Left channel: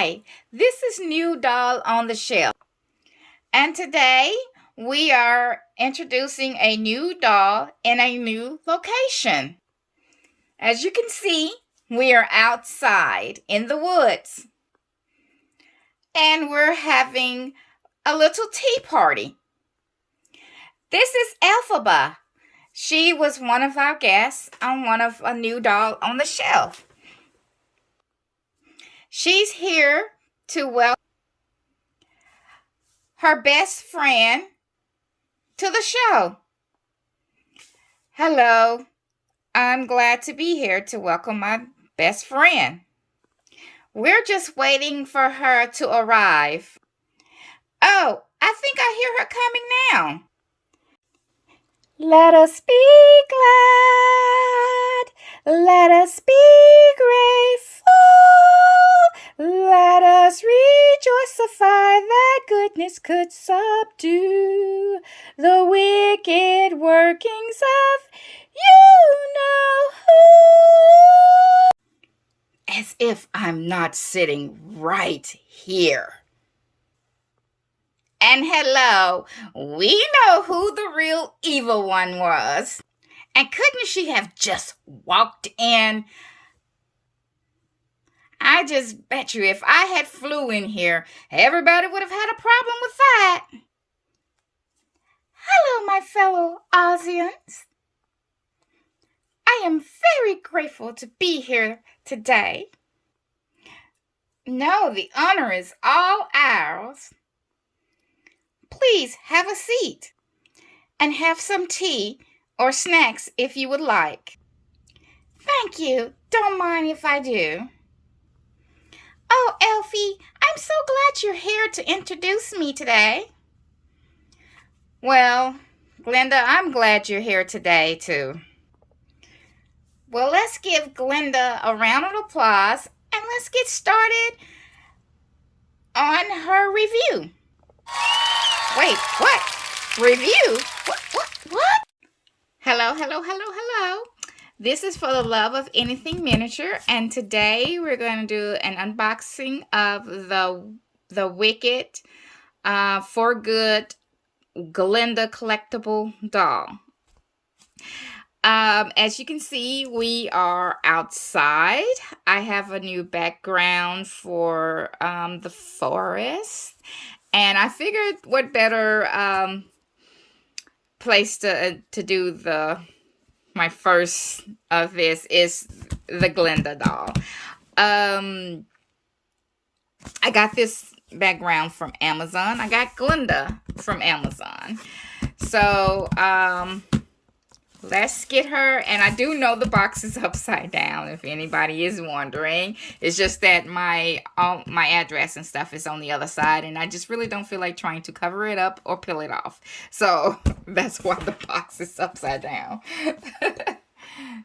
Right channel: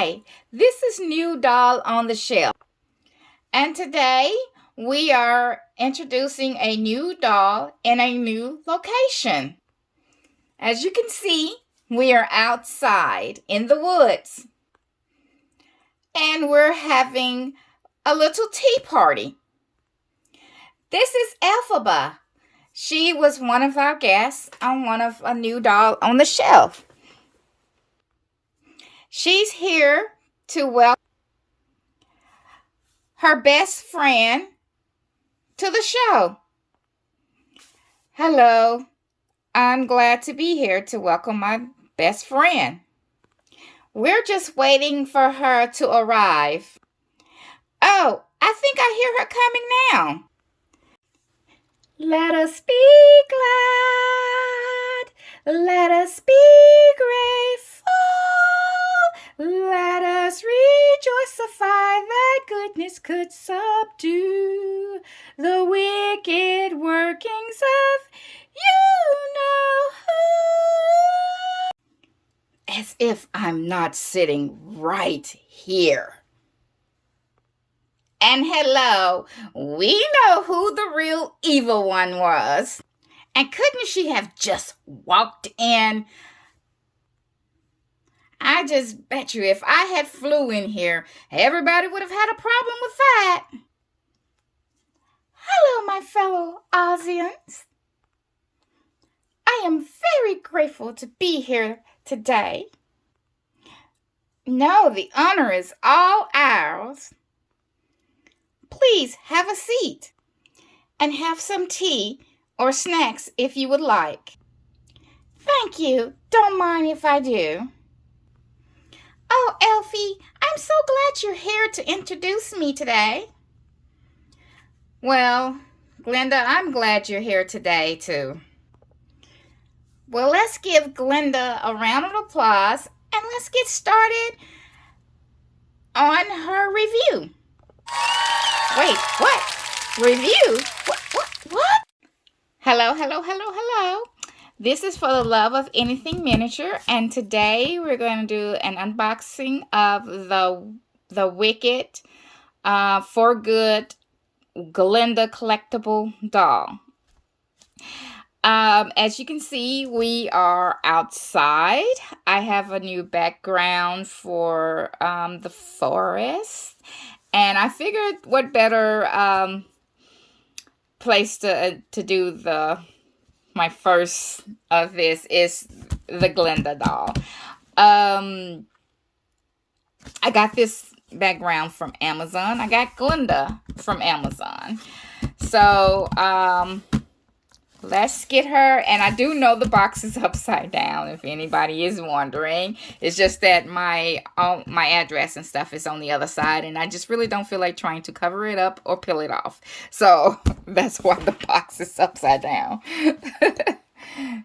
Hi, this is New Doll on the Shelf, and today we are introducing a new doll in a new location. As you can see, we are outside in the woods, and we're having a little tea party. This is Elphaba. She was one of our guests on a New Doll on the Shelf. She's here to welcome her best friend to the show. Hello, I'm glad to be here to welcome my best friend. We're just waiting for her to arrive. Oh, I think I hear her coming now. Let us be glad, let us be grateful, let us rejoicify that goodness could subdue the wicked workings of you know who. As if I'm not sitting right here. And hello, we know who the real evil one was. And couldn't she have just walked in? I just bet you if I had flew in here, everybody would have had a problem with that. Hello, my fellow Ozians. I am very grateful to be here today. No, the honor is all ours. Please have a seat and have some tea or snacks if you would like. Thank you. Don't mind if I do. Oh, Elfie, I'm so glad you're here to introduce me today. Well, Glinda, I'm glad you're here today, too. Well, let's give Glinda a round of applause and let's get started on her review. Wait, what? Review? What? Hello. This is For the Love of Anything Miniature, and today we're going to do an unboxing of the Wicked For Good Glinda collectible doll. As you can see, we are outside. I have a new background for the forest. And I figured what better place to do my first of this is the Glinda doll. I got this background from Amazon. I got Glinda from Amazon. So let's get her. And I do know the box is upside down, if anybody is wondering. It's just that my address and stuff is on the other side, and I just really don't feel like trying to cover it up or peel it off. So that's why the box is upside down.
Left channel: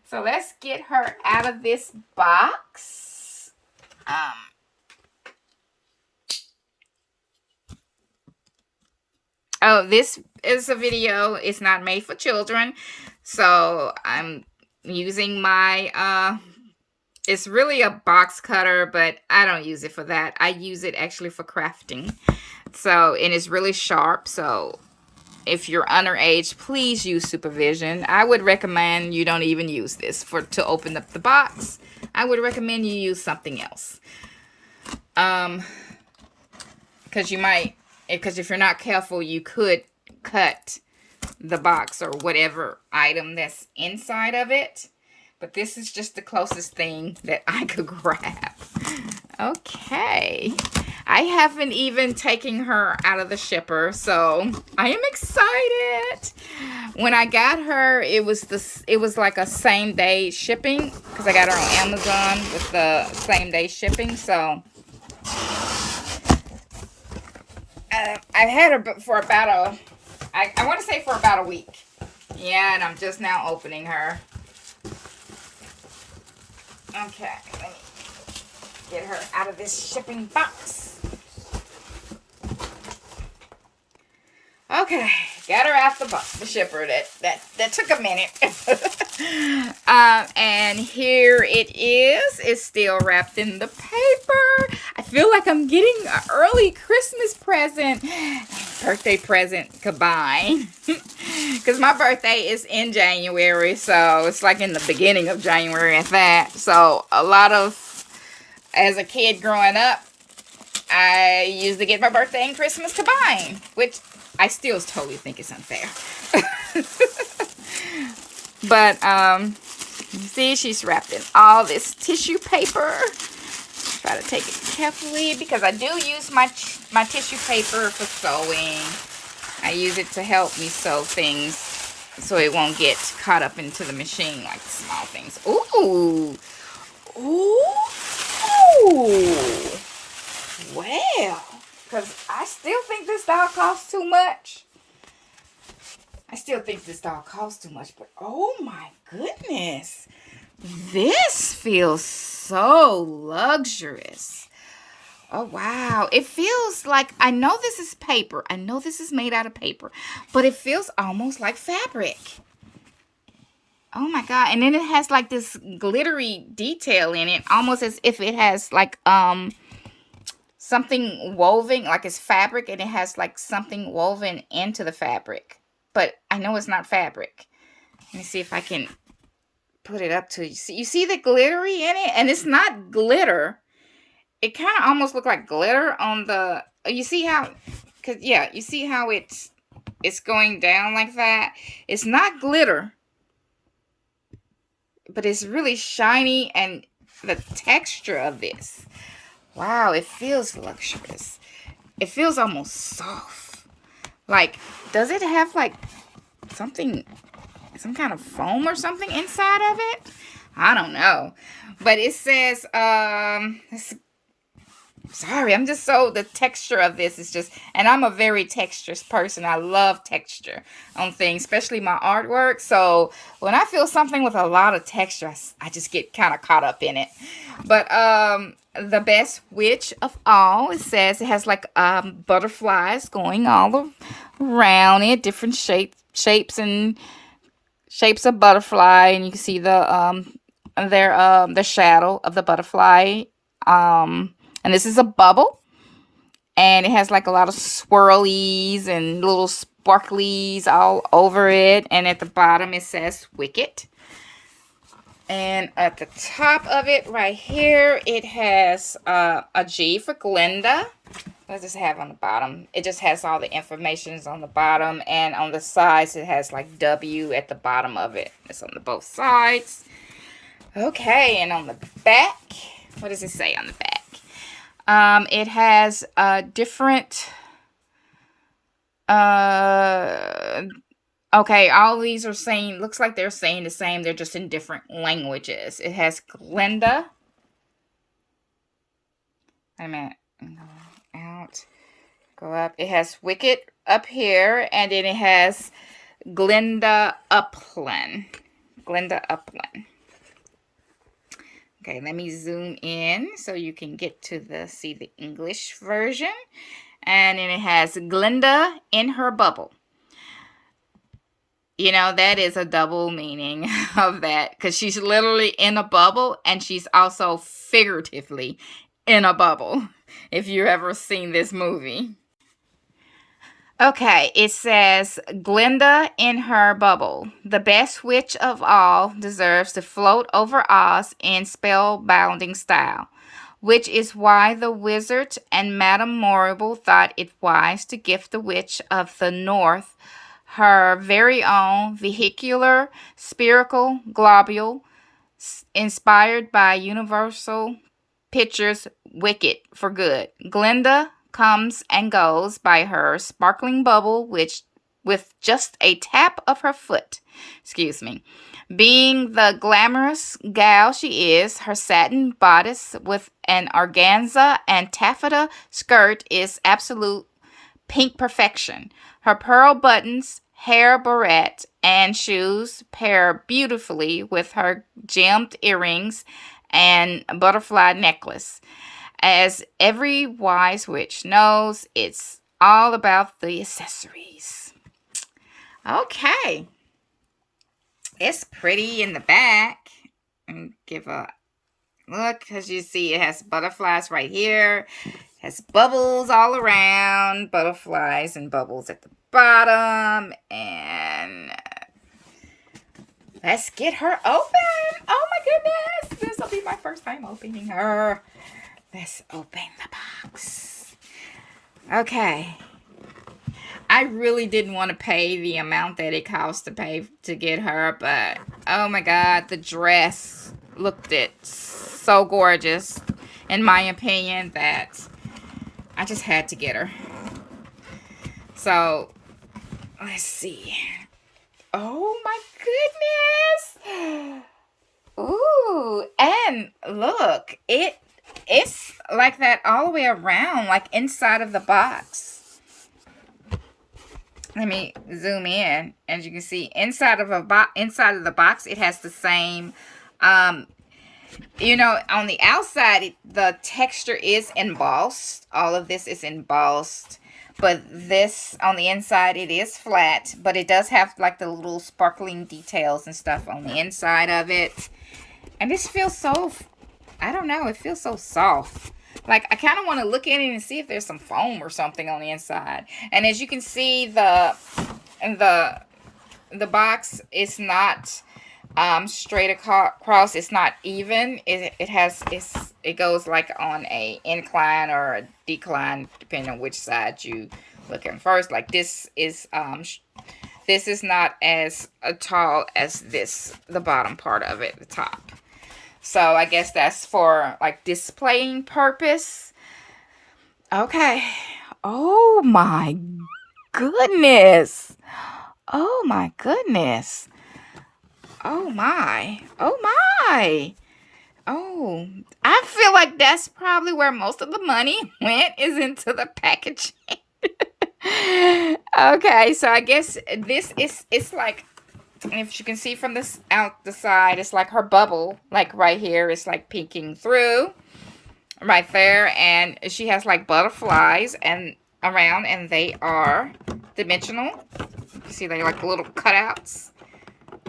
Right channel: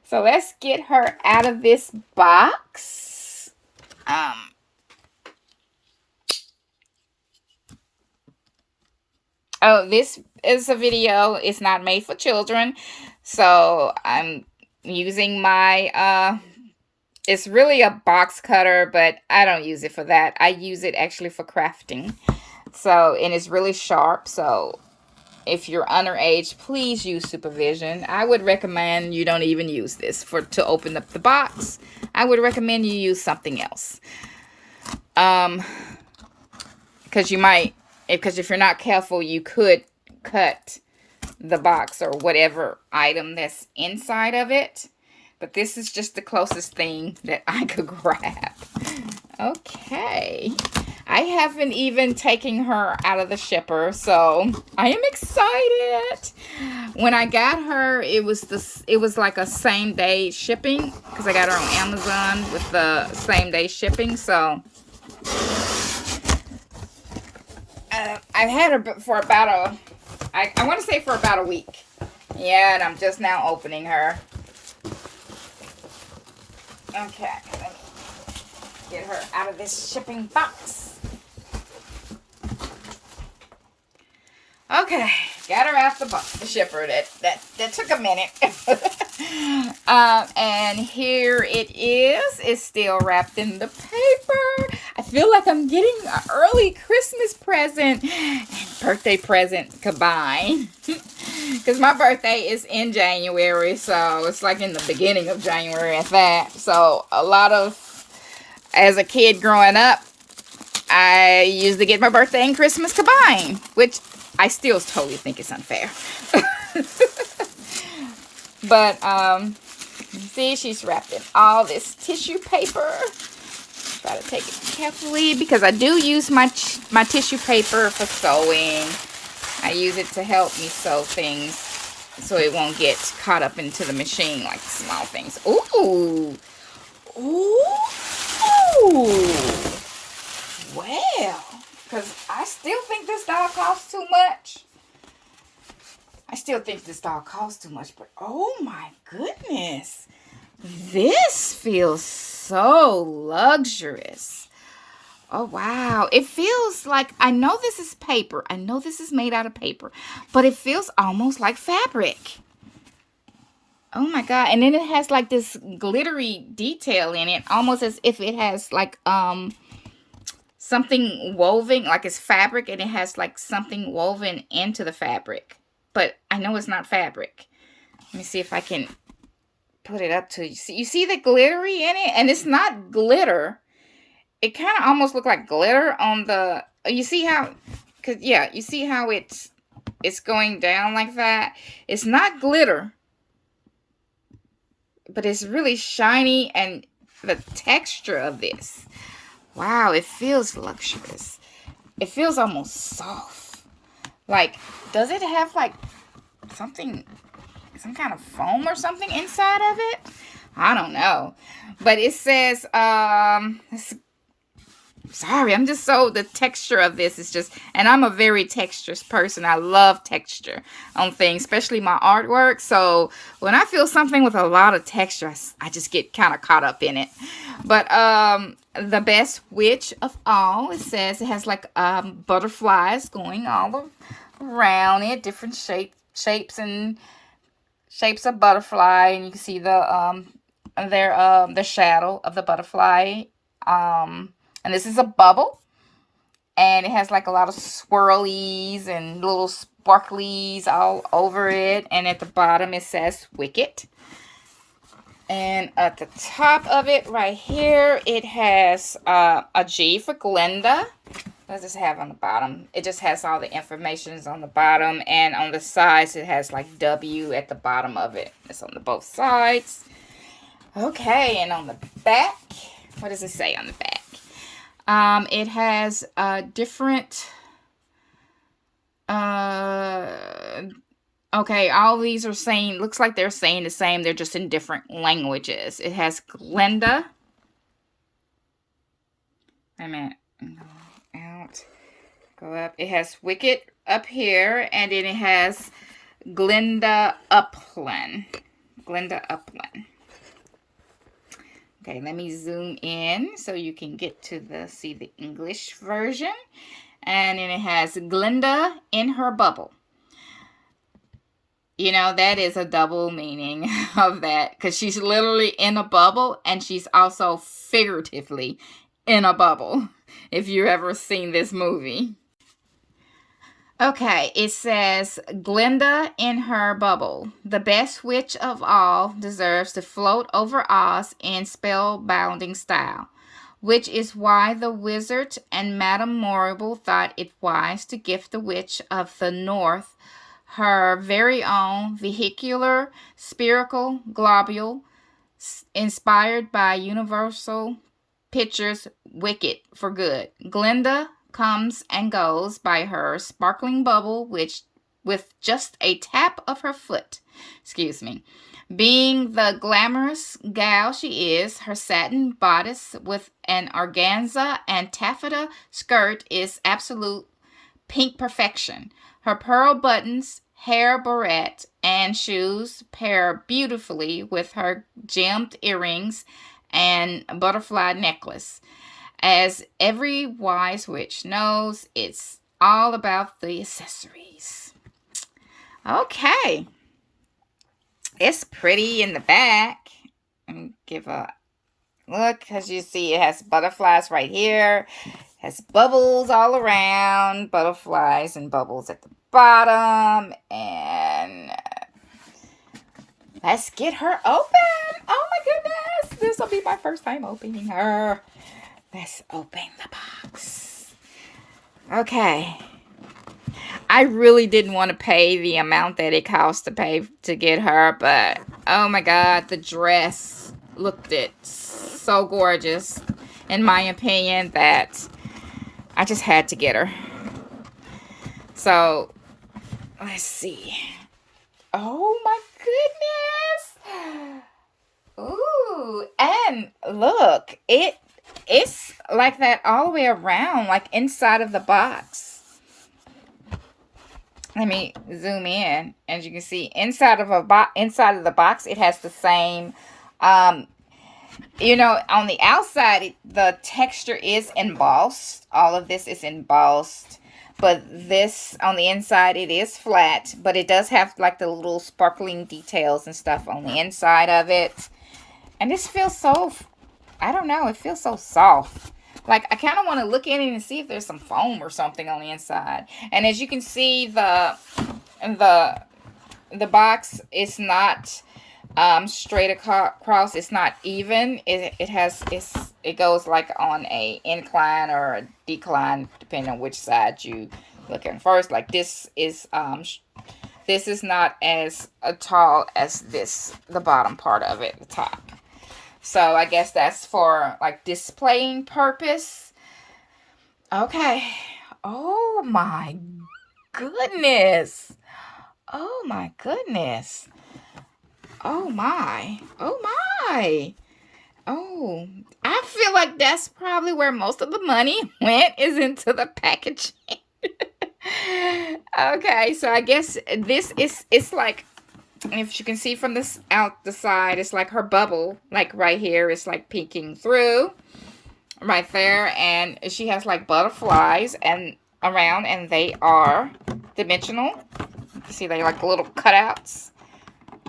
So let's get her out of this box. Oh, this is a video. It's not made for children. So I'm using my, it's really a box cutter, but I don't use it for that. I use it actually for crafting. So, and it's really sharp. So if you're underage, please use supervision. I would recommend you don't even use this to open up the box. I would recommend you use something else. Because if you're not careful, you could cut the box or whatever item that's inside of it. But this is just the closest thing that I could grab. Okay. I haven't even taken her out of the shipper, so I am excited. When I got her, it was like a same day shipping because I got her on Amazon with the same day shipping. So I've had her for about I want to say for about a week. Yeah, and I'm just now opening her. Okay, let me get her out of this shipping box. Okay, got her out the shipper. That took a minute. And here it is. It's still wrapped in the paper. I feel like I'm getting an early Christmas present and birthday present combined. Because my birthday is in January, so it's like in the beginning of January at that. So as a kid growing up, I used to get my birthday and Christmas combined, which I still totally think is unfair. But, you see, she's wrapped in all this tissue paper. Try to take it carefully because I do use my tissue paper for sewing. I use it to help me sew things so it won't get caught up into the machine like small things. Ooh. Ooh. Well, because I still think this doll costs too much. But oh my goodness. This feels so luxurious. Oh, wow. It feels like, I know this is paper. I know this is made out of paper, but it feels almost like fabric. Oh my God. And then it has like this glittery detail in it, almost as if it has like, something woven, like it's fabric, and it has like something woven into the fabric. But I know it's not fabric. Let me see if I can put it up to you. You see the glittery in it? And it's not glitter. It kind of almost look like glitter on the, you see how, you see how it's going down like that? It's not glitter, but it's really shiny, and the texture of this, wow, it feels luxurious. It feels almost soft. Like, does it have like some kind of foam or something inside of it? I don't know. But it says, sorry, I'm just so, the texture of this is just, and I'm a very texturous person. I love texture on things, especially my artwork. So when I feel something with a lot of texture, I just get kind of caught up in it. But the best witch of all, it says it has like butterflies going all around it, different shapes of butterfly, and you can see the shadow of the butterfly. And this is a bubble, and it has like a lot of swirlies and little sparklies all over it. And at the bottom it says Wicked. And at the top of it right here, it has a G for Glinda. What does this have on the bottom? It just has all the information on the bottom, and on the sides it has like W at the bottom of it. It's on both sides. Okay, and on the back, what does it say on the back? It has different, okay, all these are saying, looks like they're saying the same, they're just in different languages. It has Glinda. Wait a minute. Go out. Go up. It has Wicked up here, and then it has Glinda Upland. Glinda Upland. Okay, let me zoom in so you can get to see the English version. And then it has Glinda in her bubble. You know, that is a double meaning of that, because she's literally in a bubble, and she's also figuratively in a bubble, if you've ever seen this movie. Okay, it says, Glinda in her bubble. The best witch of all deserves to float over Oz in spellbinding style, which is why the wizard and Madame Morrible thought it wise to gift the witch of the North her very own vehicular spherical globule inspired by Universal Pictures' Wicked for Good. Glinda comes and goes by her sparkling bubble, which with just a tap of her foot. Being the glamorous gal she is, her satin bodice with an organza and taffeta skirt is absolute pink perfection. Her pearl buttons, hair barrette, and shoes pair beautifully with her gemmed earrings and butterfly necklace. As every wise witch knows, it's all about the accessories. Okay. It's pretty in the back. And give a Look, as you see, it has butterflies right here. Has bubbles all around, butterflies and bubbles at the bottom. And let's get her open. Oh my goodness. This will be my first time opening her. Let's open the box. Okay. I really didn't want to pay the amount that it cost to pay to get her, but oh my god, the dress looked it so gorgeous, in my opinion, that I just had to get her. So, let's see. Oh my goodness. Ooh, and look, it's like that all the way around, like inside of the box. Let me zoom in. As you can see, inside of the box, it has the same you know, on the outside, the texture is embossed. All of this is embossed. But this, on the inside, it is flat. But it does have, like, the little sparkling details and stuff on the inside of it. And this feels so, I don't know, it feels so soft. Like, I kind of want to look at it and see if there's some foam or something on the inside. And as you can see, the box is not straight across. It's not even. It goes like on a incline or a decline, depending on which side you look at first. Like this is not as tall as the bottom part of it, the top. So I guess that's for like displaying purpose. Okay. Oh my goodness. Oh my goodness. Oh my. Oh my. Oh, I feel like that's probably where most of the money went, is into the packaging. Okay, so I guess it's like, if you can see from this out the side, it's like her bubble, like right here, it's like peeking through right there, and she has like butterflies and around, and they are dimensional. See, they're like little cutouts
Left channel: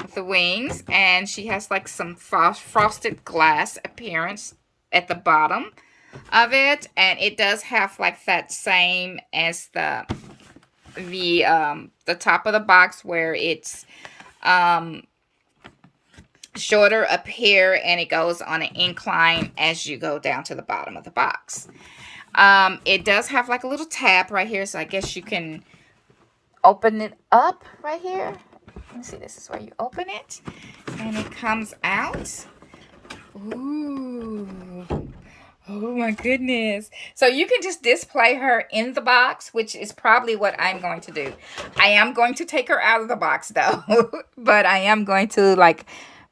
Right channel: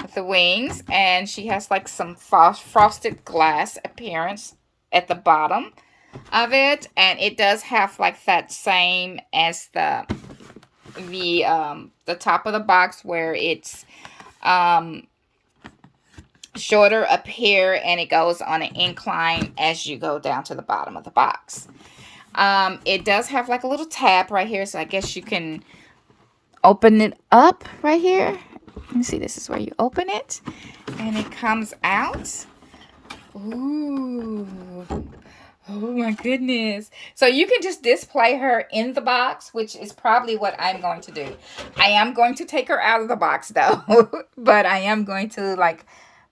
with the wings, and she has like some frosted glass appearance at the bottom of it, and it does have like that same as the top of the box, where it's shorter up here and it goes on an incline as you go down to the bottom of the box. It does have like a little tab right here, so I guess you can open it up right here. Let me see, this is where you open it and it comes out. Ooh. Oh my goodness. So you can just display her in the box, which is probably what I'm going to do. I am going to take her out of the box though, but I am going to like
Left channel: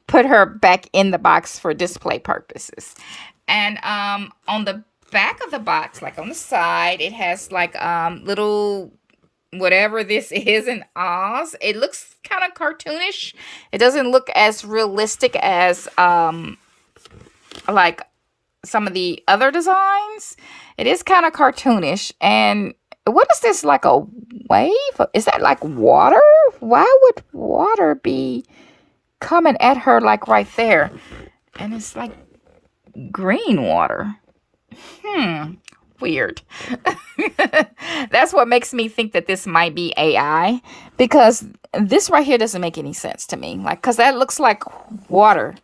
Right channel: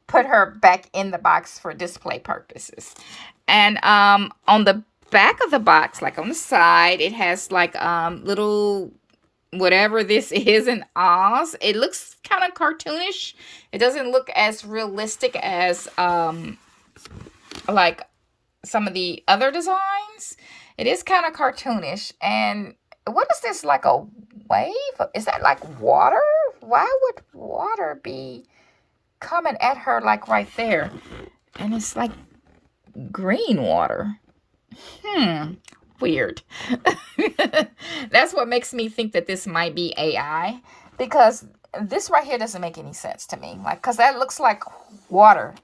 put her back in the box for display purposes. And on the back of the box, like on the side, it has like little whatever this is in Oz. It looks kind of cartoonish. It doesn't look as realistic as like some of the other designs. It is kind of cartoonish. And what is this, like a wave? Is that like water? Why would water be coming at her like right there? And it's like green water. Weird. That's what makes me think that this might be AI, because this right here doesn't make any sense to me. Like, because that looks like water.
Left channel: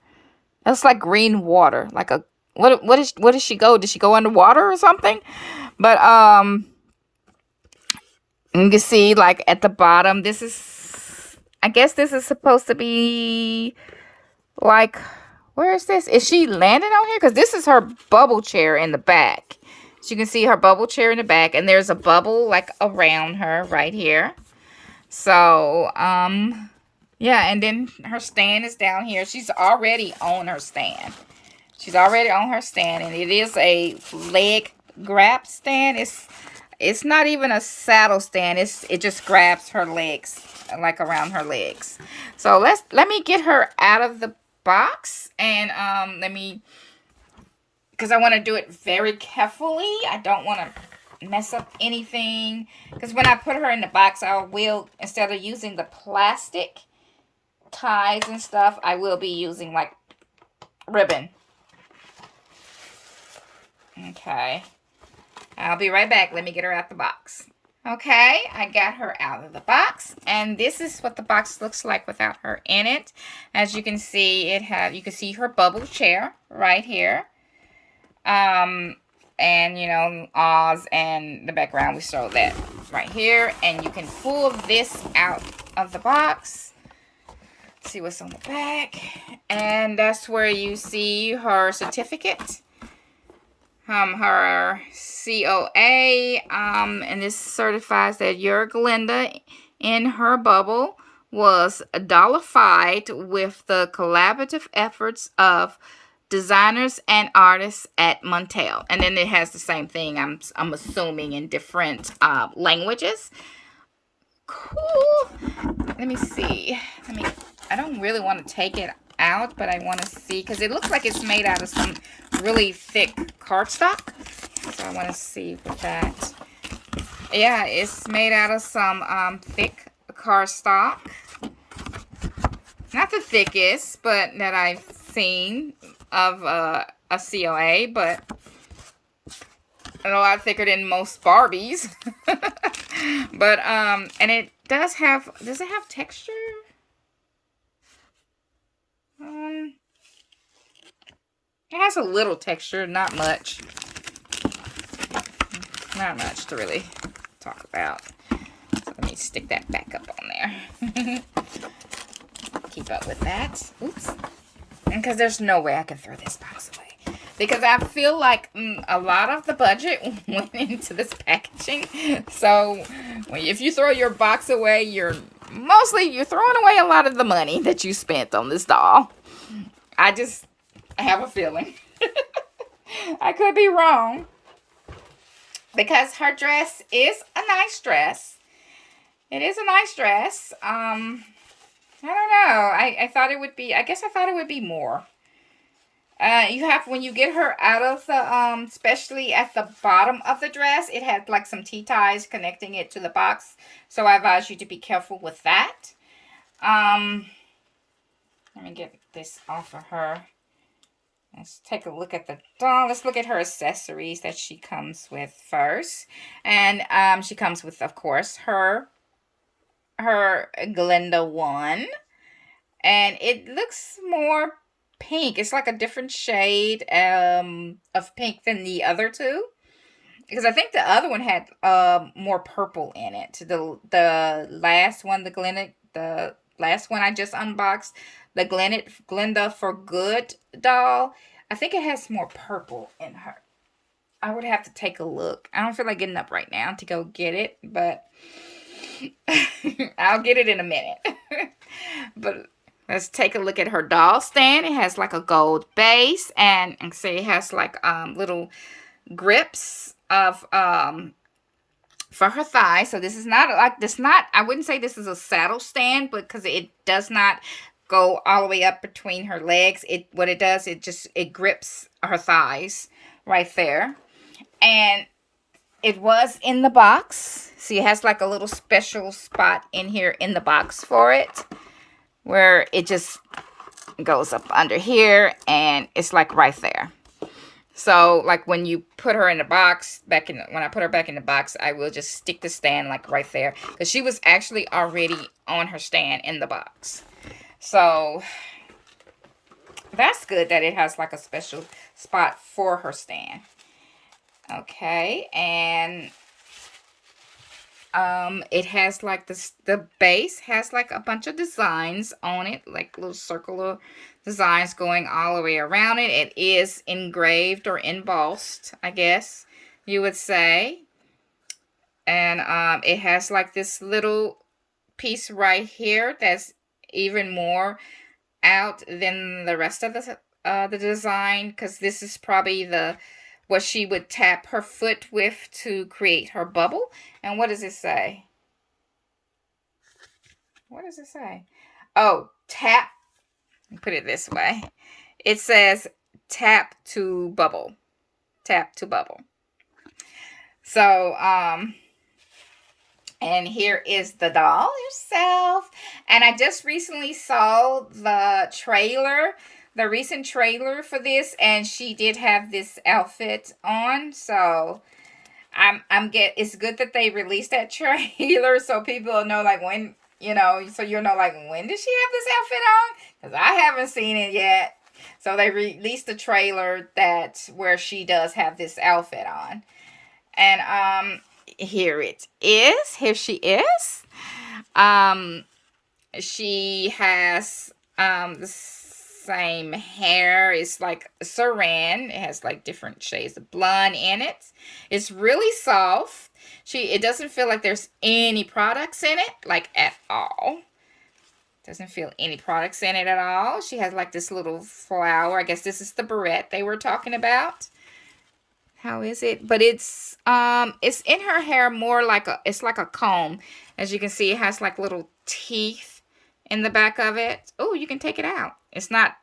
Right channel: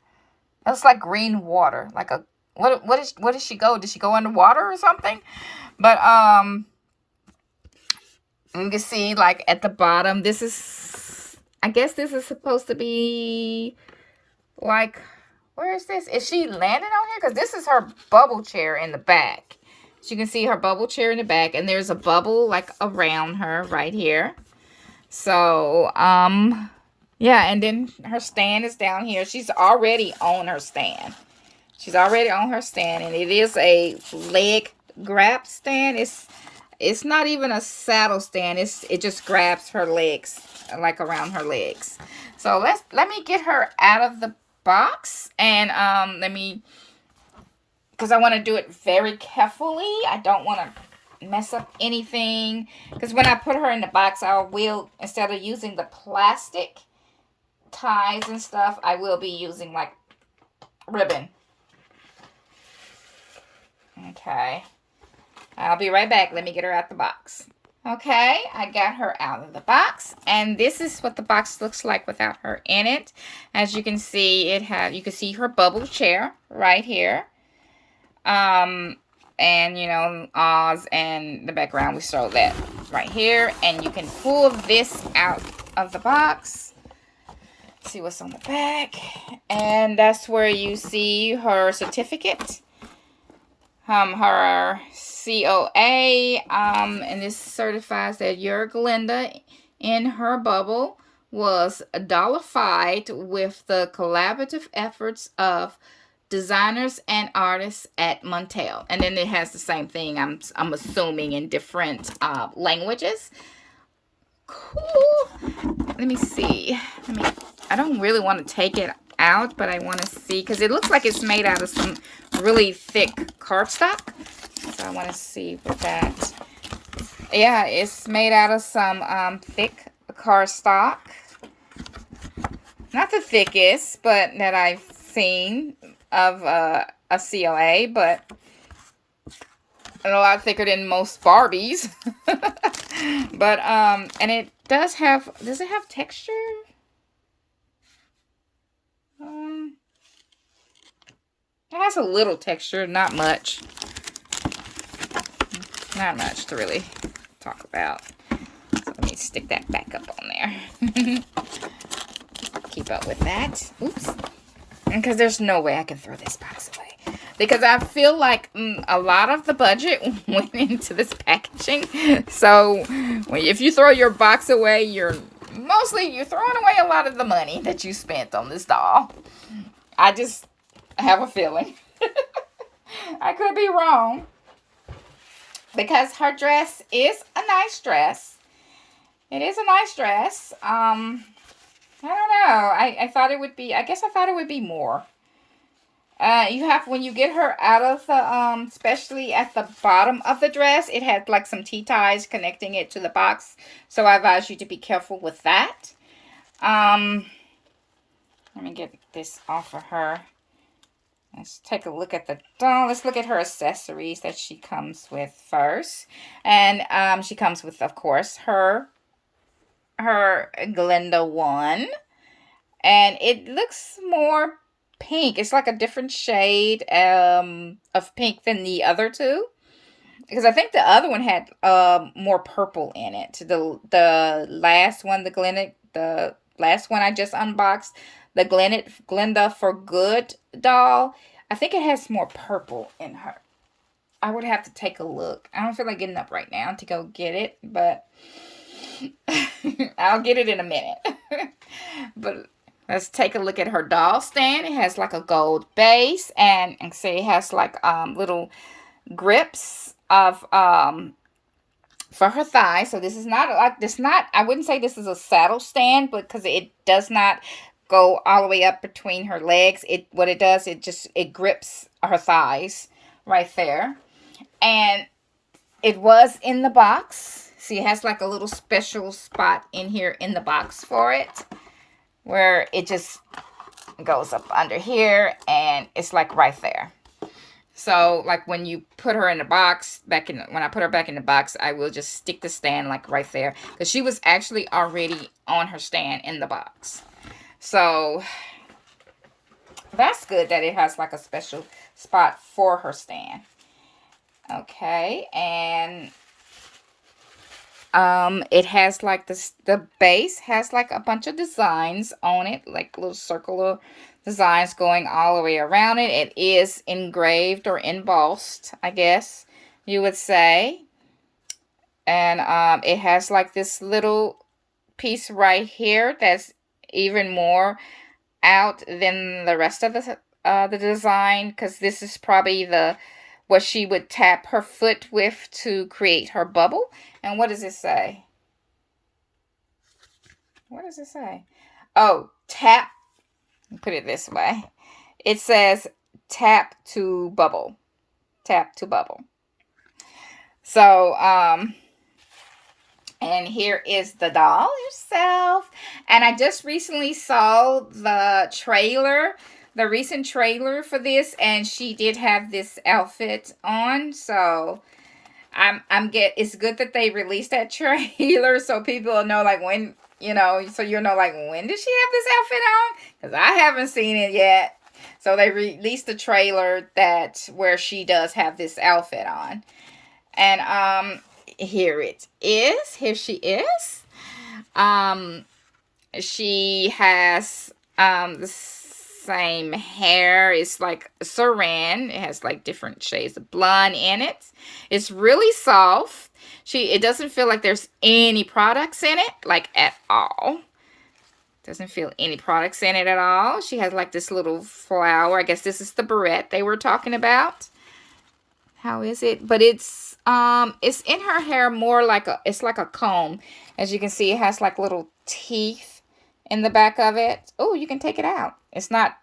That's like green water. Like a what does she go? Did she go underwater or something? But you can see like at the bottom, this is, I guess this is supposed to be like, where is this? Is she landing on here? Because this is her bubble chair in the back. So you can see her bubble chair in the back, and there's a bubble like around her right here. So yeah, and then her stand is down here. She's already on her stand. She's already on her stand, and it is a leg grab stand. It's not even a saddle stand. It just grabs her legs, like around her legs. So let me get her out of the box, and because I want to do it very carefully. I don't want to mess up anything, because when I put her in the box, I will, instead of using the plastic ties and stuff, I will be using like ribbon. Okay. I'll be right back. Let me get her out the box. Okay, I got her out of the box, and this is what the box looks like without her in it. As you can see, you can see her bubble chair right here. And you know, Oz and the background, we saw that right here. And you can pull this out of the box. See what's on the back. And that's where you see her certificate. Her COA, and this certifies that your Glinda in her bubble was dollarified with the collaborative efforts of designers and artists at Montel. And then it has the same thing, I'm assuming, in different languages. Cool. Let me see. I don't really want to take it out, but I want to see, because it looks like it's made out of some really thick cardstock. So I want to see what that. Yeah, it's made out of some thick cardstock. Not the thickest, but that I've seen of a COA, but a lot thicker than most Barbies. But and it does it have texture? It has a little texture, not much. Not much to really talk about. So let me stick that back up on there. Keep up with that. Oops. Because there's no way I can throw this box away. Because I feel like a lot of the budget went into this packaging. So if you throw your box away, you're throwing away a lot of the money that you spent on this doll. I just have a feeling. I could be wrong. Because her dress is a nice dress. It is a nice dress. I don't know. I thought it would be, I guess I thought it would be more. When you get her out of the, especially at the bottom of the dress, it had like some T-ties connecting it to the box. So I advise you to be careful with that. Let me get this off of her. Let's take a look at the doll. Let's look at her accessories that she comes with first. And she comes with, of course, her Glinda one. And it looks more pink. It's like a different shade of pink than the other two. Because I think the other one had more purple in it. The last one, the last one I just unboxed, the Glinda for Good doll, I think it has more purple in her. I would have to take a look. I don't feel like getting up right now to go get it, but I'll get it in a minute. But let's take a look at her doll stand. It has like a gold base, and see it has like little grips of for her thighs. So this is not I wouldn't say this is a saddle stand, but because it does not go all the way up between her legs, what it does, it grips her thighs right there. And it was in the box. See, it has like a little special spot in here in the box for it, where it just goes up under here, and it's like right there. So like when you put her in the box, when I put her back in the box, I will just stick the stand like right there, because she was actually already on her stand in the box. So that's good that it has like a special spot for her stand. Okay, and it has like the base has like a bunch of designs on it, like little circular designs going all the way around it. It is engraved or embossed, I guess you would say. And it has like this little piece right here that's even more out than the rest of the design, because this is probably what she would tap her foot with to create her bubble. And what does it say? What does it say? Oh, tap. Put it this way. It says tap to bubble. Tap to bubble. So, and here is the doll herself. And I just recently saw the trailer the recent trailer for this, and she did have this outfit on. So it's good that they released that trailer so people will know like when, so you'll know like when did she have this outfit on? Because I haven't seen it yet. So they released the trailer where she does have this outfit on. And here it is. Here she is. She has the same hair. It's like saran. It has like different shades of blonde in it. It's really soft. It doesn't feel like there's any products in it, like at all. Doesn't feel any products in it at all. She has like this little flower. I guess this is the barrette they were talking about. How is it? But it's in her hair more like it's like a comb. As you can see, it has like little teeth in the back of it. Oh, you can take it out. It's not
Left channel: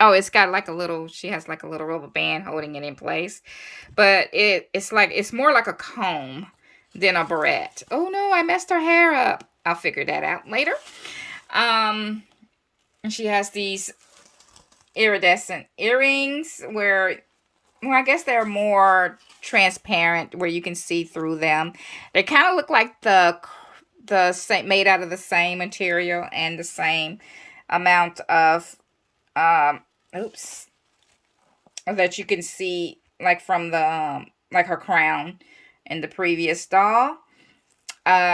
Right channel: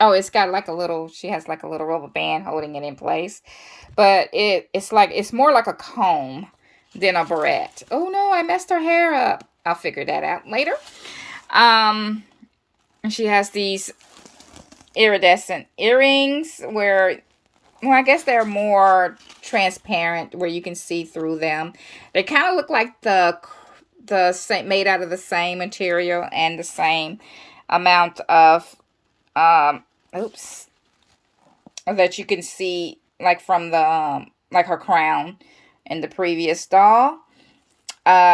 oh, it's got like she has like a little rubber band holding it in place. But it's more like a comb than a barrette. Oh no, I messed her hair up. I'll figure that out later. And she has these iridescent earrings I guess they're more transparent where you can see through them. They kind of look like the same, made out of the same material and the same amount of that you can see like from the like her crown in the previous doll.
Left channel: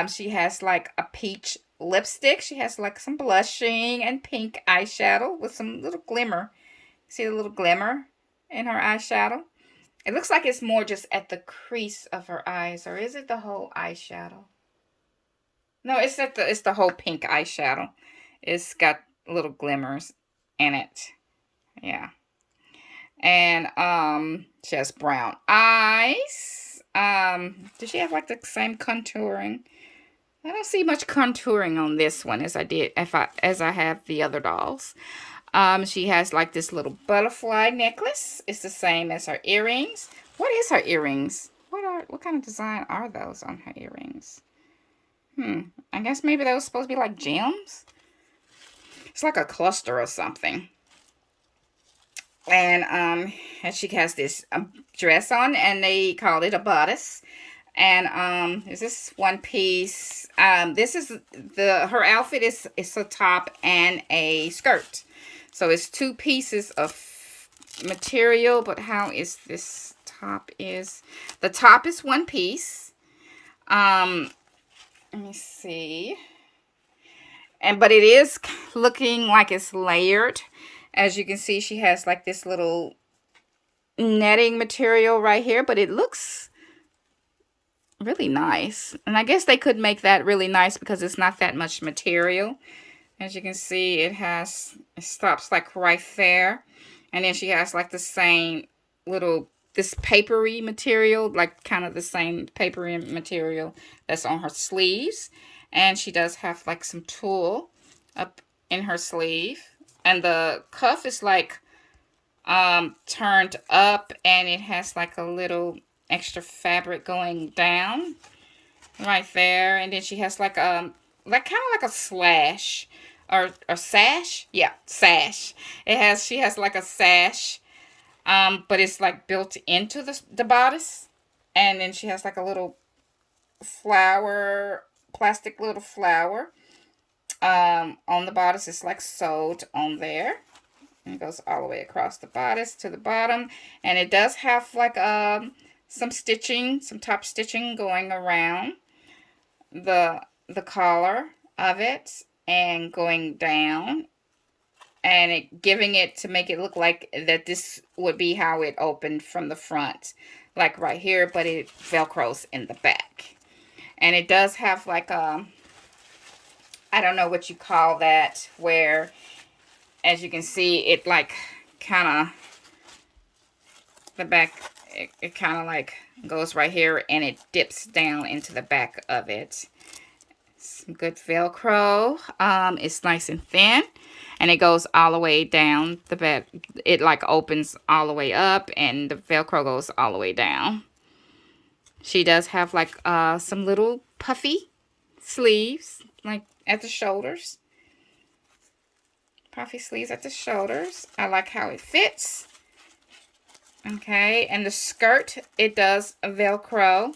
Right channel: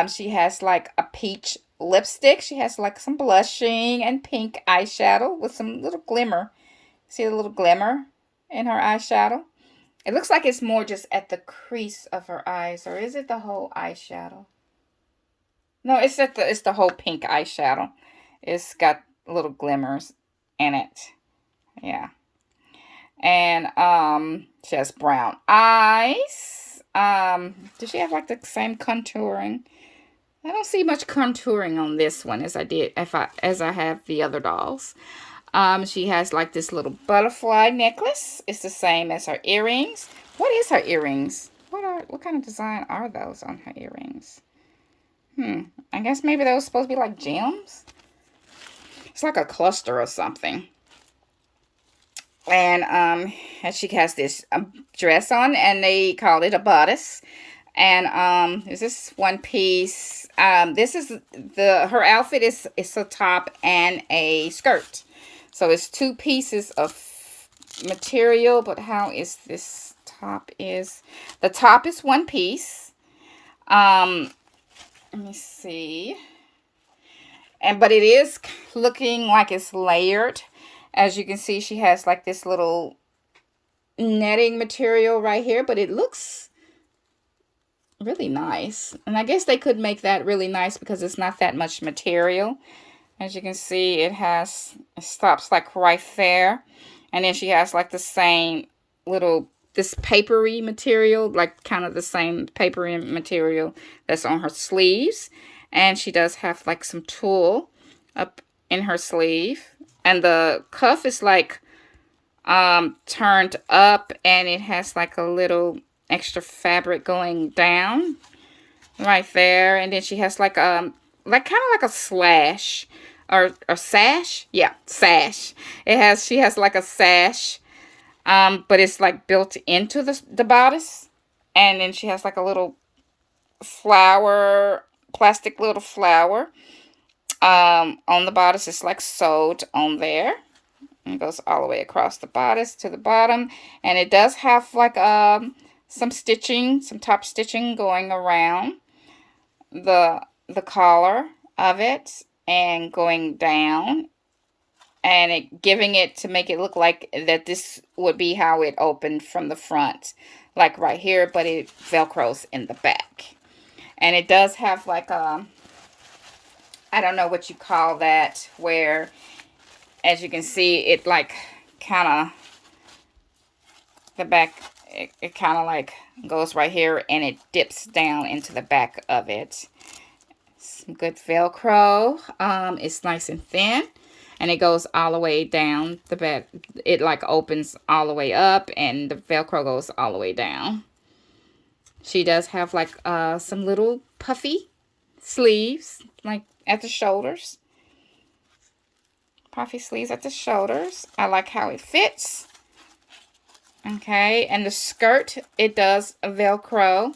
She has like a peach lipstick. She has like some blushing and pink eyeshadow with some little glimmer. See the little glimmer in her eyeshadow? It looks like it's more just at the crease of her eyes, or is it the whole eyeshadow? No, it's the whole pink eyeshadow. It's got little glimmers in it. Yeah. And she has brown eyes. Does she have like the same contouring? I don't see much contouring on this one as I have the other dolls. She has like this little butterfly necklace. It's the same as her earrings. What is her earrings? What kind of design are those on her earrings? I guess maybe those supposed to be like gems. It's like a cluster or something. And she has this dress on, and they call it a bodice. And is this one piece? This is her outfit is a top and a skirt. So it's two pieces of material, but how is this top is? The top is one piece. Let me see. But it is looking like it's layered. As you can see, she has like this little netting material right here, but it looks really nice. And I guess they could make that really nice because it's not that much material. As you can see, it stops like right there. And then she has like the same this papery material, like kind of the same papery material that's on her sleeves. And she does have like some tulle up in her sleeve. And the cuff is like turned up, and it has like a little extra fabric going down right there. And then she has like kind of like a slash or sash. Yeah, sash. She has like a sash, but it's like built into the bodice. And then she has like a little flower, plastic little flower on the bodice. It's like sewed on there. And it goes all the way across the bodice to the bottom. And it does have like some stitching, some top stitching going around the collar of it and going down, and giving it to make it look like that this would be how it opened from the front, like right here, but it velcros in the back. And it does have like I don't know what you call that, where as you can see it like kind of the back, it kind of like goes right here and it dips down into the back of it. Some good velcro. It's nice and thin, and it goes all the way down the back. It like opens all the way up, and the velcro goes all the way down. She does have like some little puffy sleeves like at the shoulders. puffy sleeves at the shoulders. I like how it fits. Okay, and the skirt, it does Velcro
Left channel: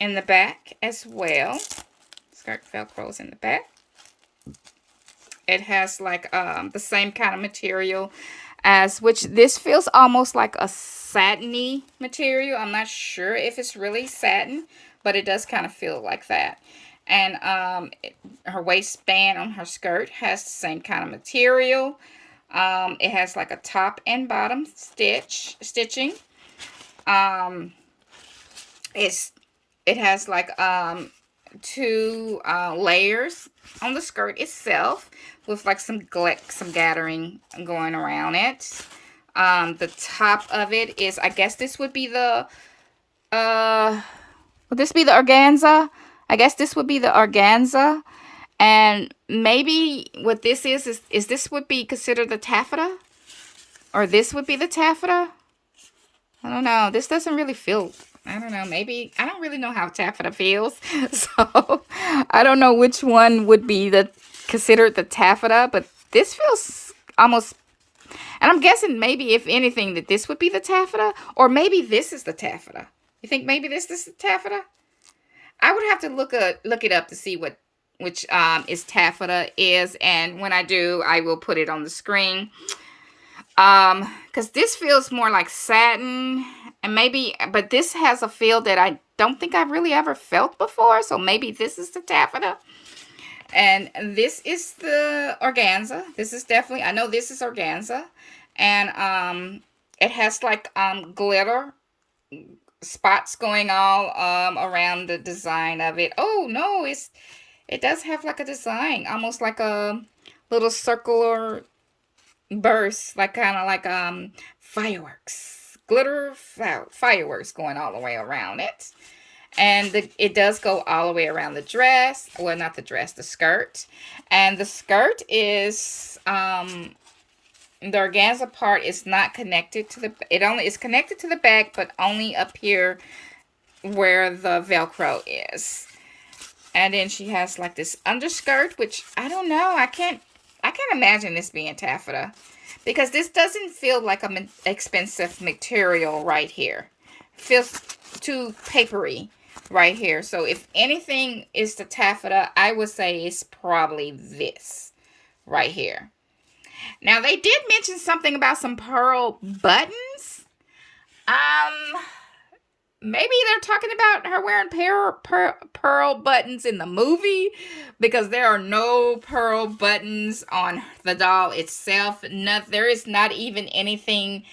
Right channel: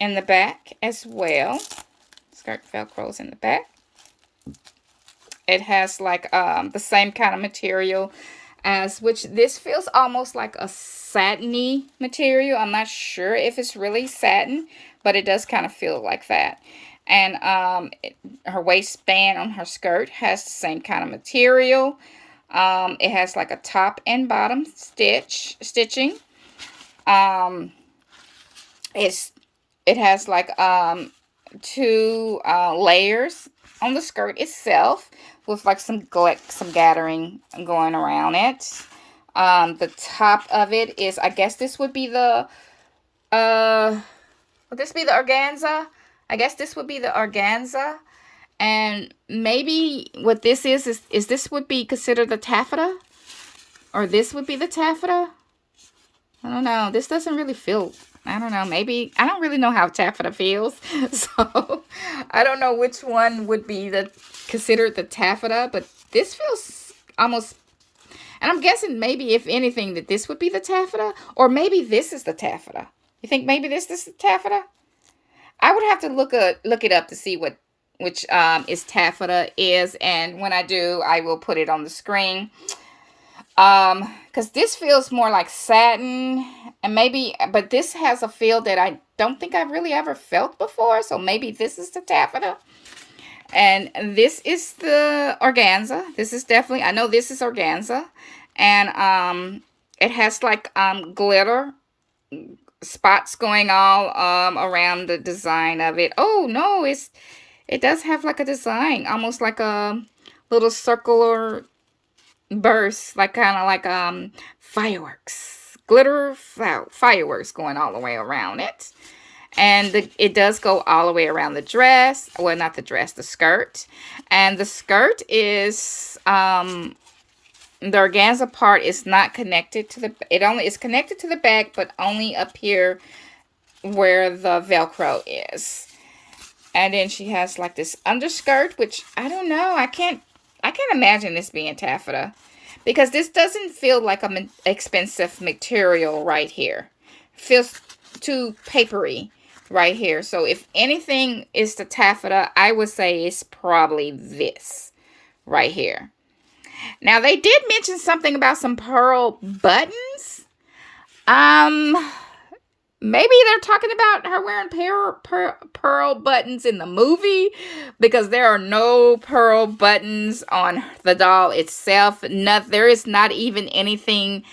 in the back as well. Skirt Velcros in the back. It has like the same kind of material as, which this feels almost like a satiny material. I'm not sure if it's really satin, but it does kind of feel like that. And her waistband on her skirt has the same kind of material. It has like a top and bottom stitching. It has like 2 layers on the skirt itself, with like some gathering going around it. The top of it is, I guess this would be the would this be the organza? I guess this would be the organza. And maybe what this is this would be considered the taffeta? Or this would be the taffeta? I don't know. This doesn't really feel, I don't know, maybe, I don't really know how taffeta feels. So, I don't know which one would be considered the taffeta, but this feels almost, and I'm guessing maybe, if anything, that this would be the taffeta, or maybe this is the taffeta. You think maybe this is the taffeta? I would have to look it up to see which is taffeta is, and when I do, I will put it on the screen. Because this feels more like satin, and maybe, but this has a feel that I don't think I've really ever felt before, so maybe this is the taffeta. And this is the organza. This is definitely, I know this is organza, and it has like glitter spots going all around the design of it. Oh no, it does have like a design, almost like a little circular burst, like kind of like fireworks, glitter fireworks going all the way around it. And it does go all the way around the dress. Well, not the dress, the skirt. And the skirt is the organza part is not connected to it only is connected to the back, but only up here where the Velcro is. And then she has like this underskirt, which I don't know, I can't imagine this being taffeta, because this doesn't feel like an expensive material right here. It feels too papery right here. So if anything is the taffeta, I would say it's probably this right here. Now, they did mention something about some pearl buttons. Maybe they're talking about her wearing pearl buttons in the movie, because there are no pearl buttons on the doll itself. There is not even anything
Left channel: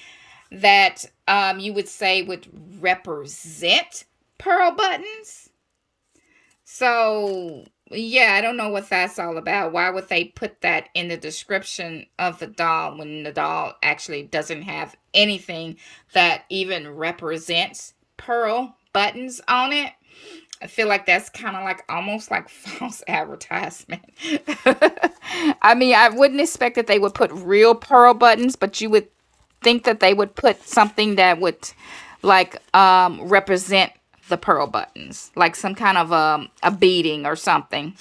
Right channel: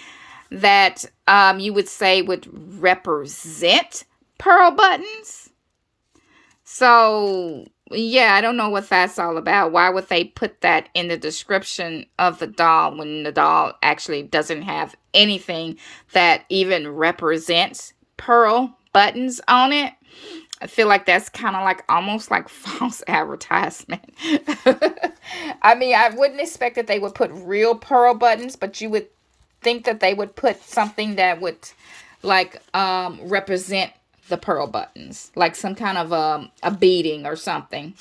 that you would say would represent pearl buttons. So, yeah, I don't know what that's all about. Why would they put that in the description of the doll when the doll actually doesn't have anything that even represents pearl buttons on it? I feel like that's kind of like almost like false advertisement. I mean, I wouldn't expect that they would put real pearl buttons, but you would think that they would put something that would like represent the pearl buttons, like some kind of a beading or something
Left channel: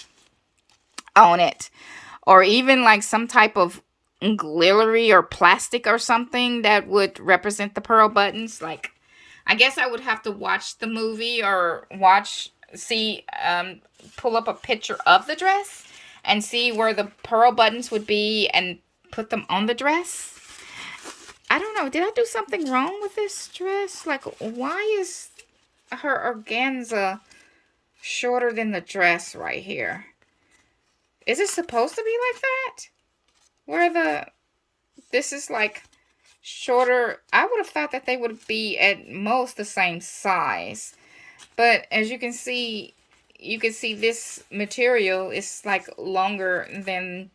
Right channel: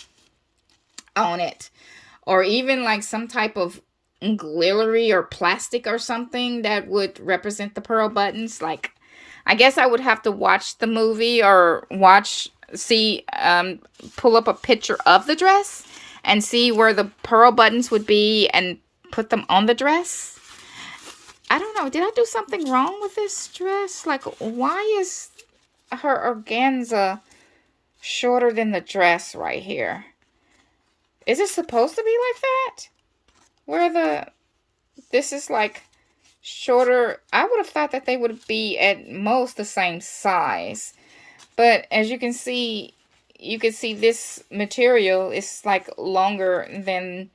on it, or even like some type of glittery or plastic or something that would represent the pearl buttons. Like, I guess I would have to watch the movie or pull up a picture of the dress and see where the pearl buttons would be and put them on the dress. I don't know. Did I do something wrong with this dress? Like, why is her organza shorter than the dress right here? Is it supposed to be like that? Where this is like shorter. I would have thought that they would be at most the same size. But as you can see this material is like longer than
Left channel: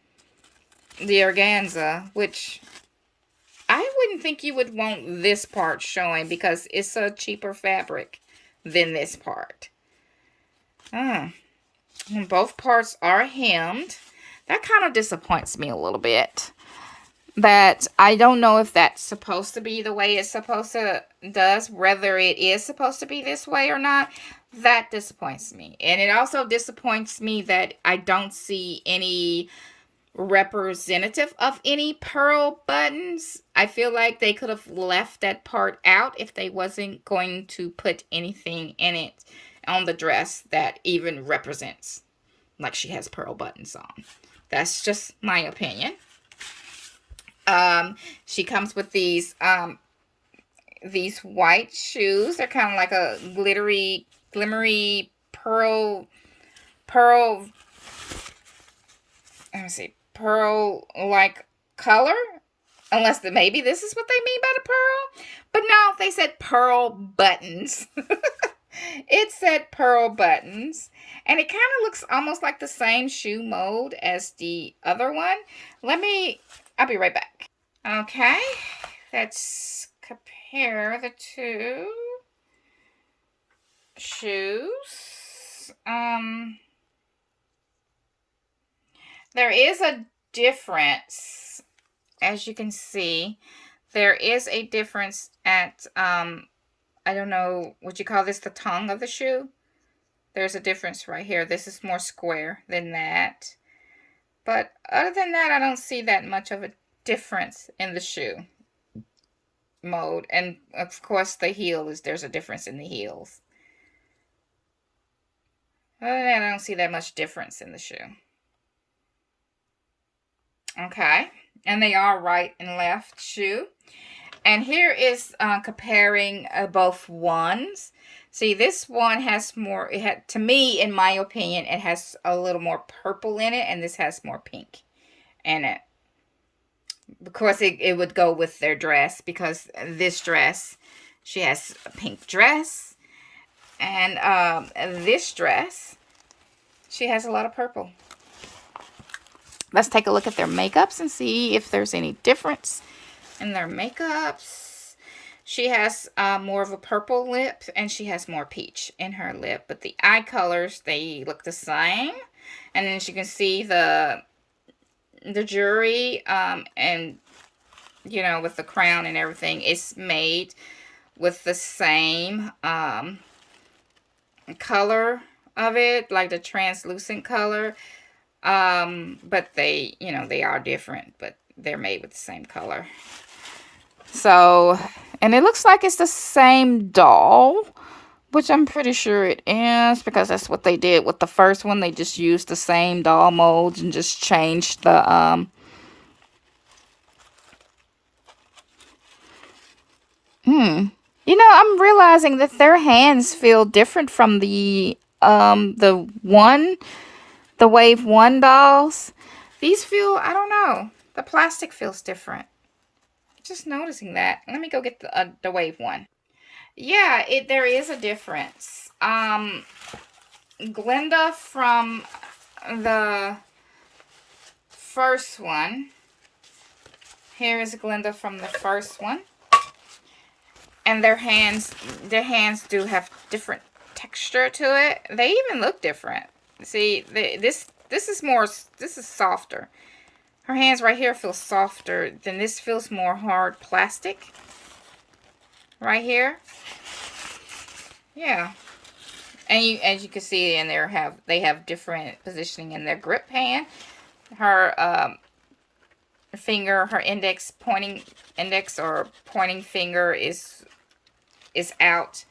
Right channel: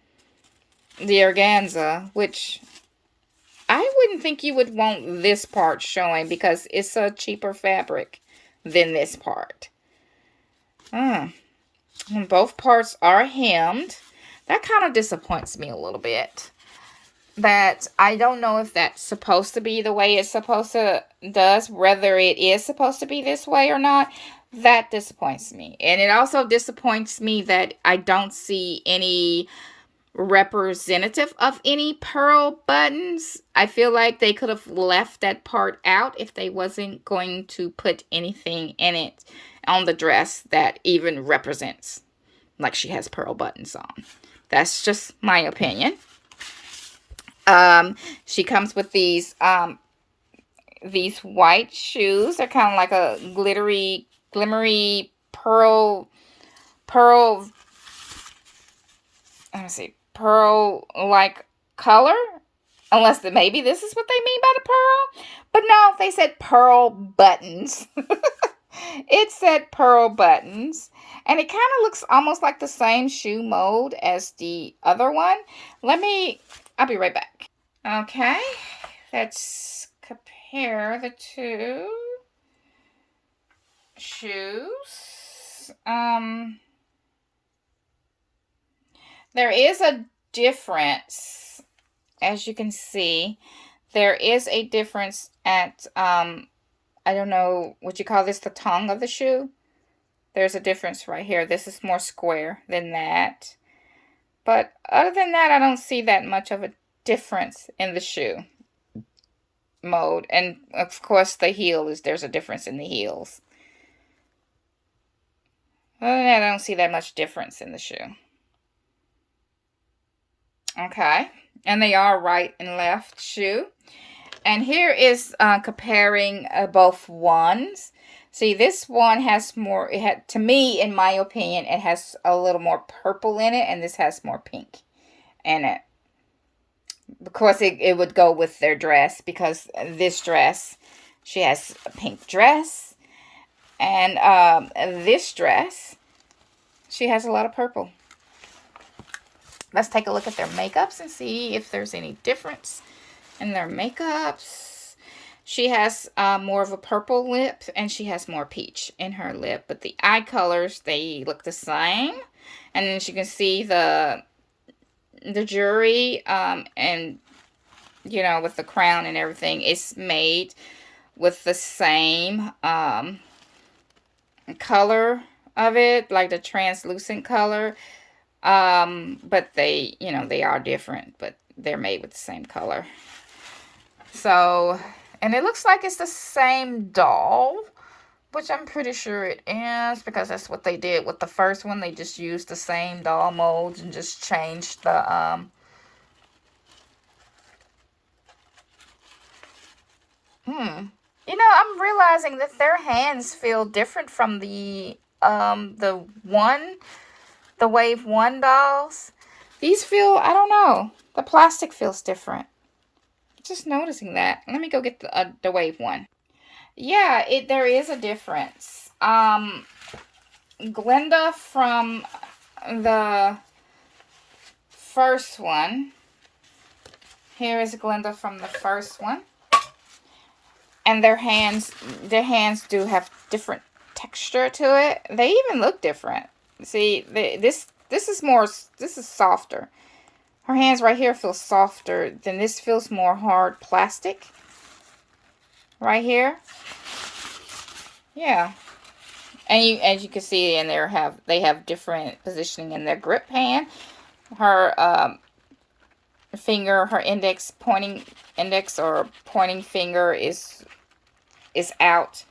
the organza, which I wouldn't think you would want this part showing, because it's a cheaper fabric than this part. Both parts are hemmed. That kind of disappoints me a little bit. That I don't know if that's supposed to be the way it's supposed to does, whether it is supposed to be this way or not. That disappoints me. And it also disappoints me that I don't see any representative of any pearl buttons. I feel like they could have left that part out if they wasn't going to put anything in it on the dress that even represents like she has pearl buttons on. That's just my opinion. She comes with these white shoes. They're kind of like a glimmery pearl, let me see, pearl-like color. Unless maybe this is what they mean by the pearl. But no, they said pearl buttons. It said pearl buttons. And it kind of looks almost like the same shoe mold as the other one. I'll be right back. Okay, let's compare the two shoes. There is a difference, as you can see. There is a difference at, I don't know, would you call this the tongue of the shoe? There's a difference right here. This is more square than that. But other than that, I don't see that much of a difference in the shoe mode. And of course, the heel there's a difference in the heels. Other than that, I don't see that much difference in the shoe. Okay, and they are right and left shoe. And here is comparing both ones. See, this one has more, to me, in my opinion, it has a little more purple in it, and this has more pink in it. Of course, it would go with their dress, because this dress, she has a pink dress, and this dress, she has a lot of purple. Let's take a look at their makeups and see if there's any difference in their makeups. She has more of a purple lip, and she has more peach in her lip. But the eye colors, they look the same. And then you can see the jewelry, and, you know, with the crown and everything, it's made with the same color of it, like the translucent color. But they, you know, they are different, but they're made with the same color. So, and it looks like it's the same doll, which I'm pretty sure it is, because that's what they did with the first one. They just used the same doll molds and just changed the, You know, I'm realizing that their hands feel different from the Wave 1 dolls. These feel, I don't know, the plastic feels different. Just noticing that. Let me go get the Wave 1. Yeah, there is a difference. Glinda from the first one. Here is Glinda from the first one. And their hands do have different texture to it. They even look different. See, this is softer. Her hands right here feel softer than this. Feels more hard plastic. Right here. Yeah. And as you can see, and they have different positioning in their grip hand. Her finger, her pointing finger is out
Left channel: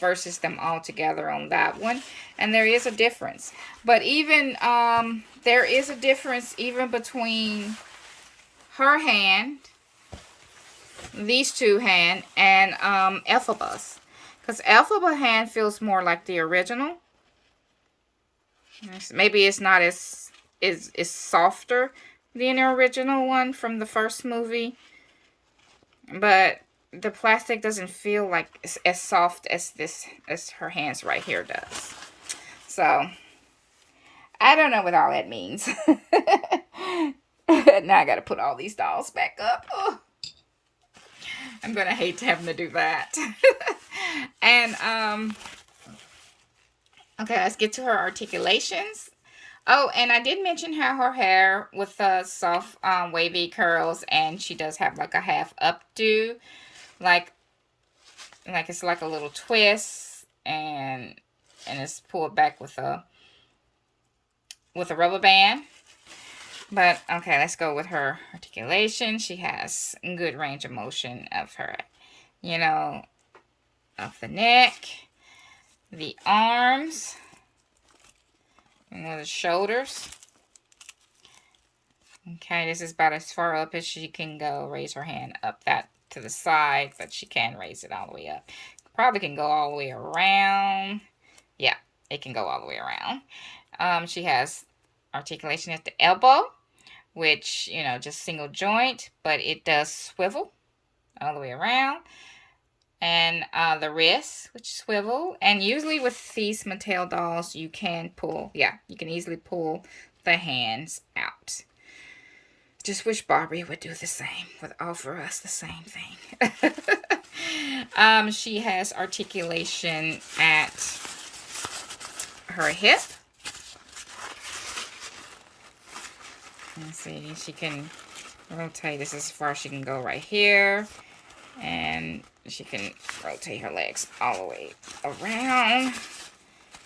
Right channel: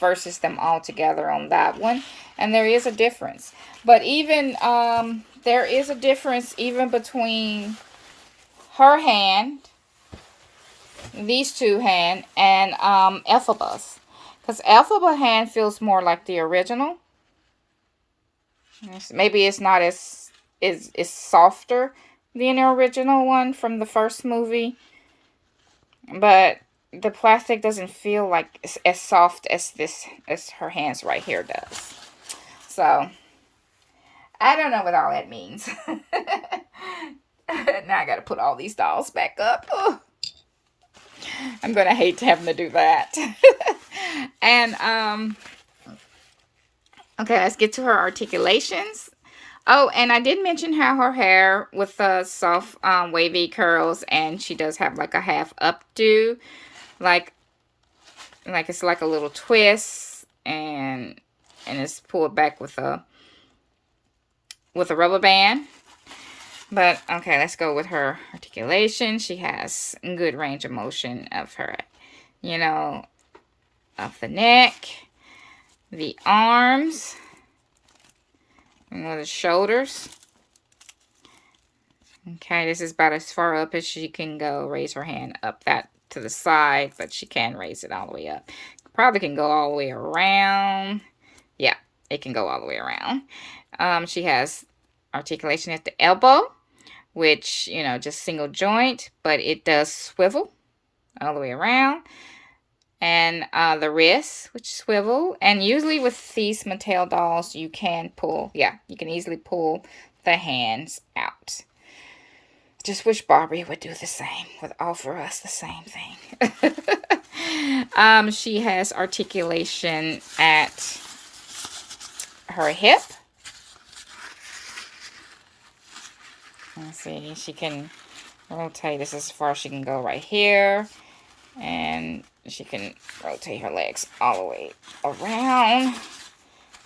versus them all together on that one. And there is a difference. But even there is a difference even between her hand, these two hand, and Elphaba's. Because Elphaba hand feels more like the original. Maybe it's not as softer than the original one from the first movie. But the plastic doesn't feel like as soft as her hands right here does. So I don't know what all that means. Now I got to put all these dolls back up. Ugh. I'm gonna hate having to do that. And okay, let's get to her articulations. Oh, and I did mention how her hair with the soft wavy curls, and she does have like a half updo. Like it's like a little twist, and it's pulled back with a rubber band. But, okay, let's go with her articulation. She has good range of motion of her, you know, of the neck, the arms, and the shoulders. Okay, this is about as far up as she can go. Raise her hand up that to the side, but she can raise it all the way up. Probably can go all the way around. Yeah, it can go all the way around. She has articulation at the elbow, which, you know, just single joint, but it does swivel all the way around. And the wrist, which swivel. And usually with these Mattel dolls, you can pull, yeah, you can easily pull the hands out. Just wish Barbie would do the same, would offer us the same thing. She has articulation at her hip. Let's see, she can rotate this as far as she can go right here. And she can rotate her legs all the way around.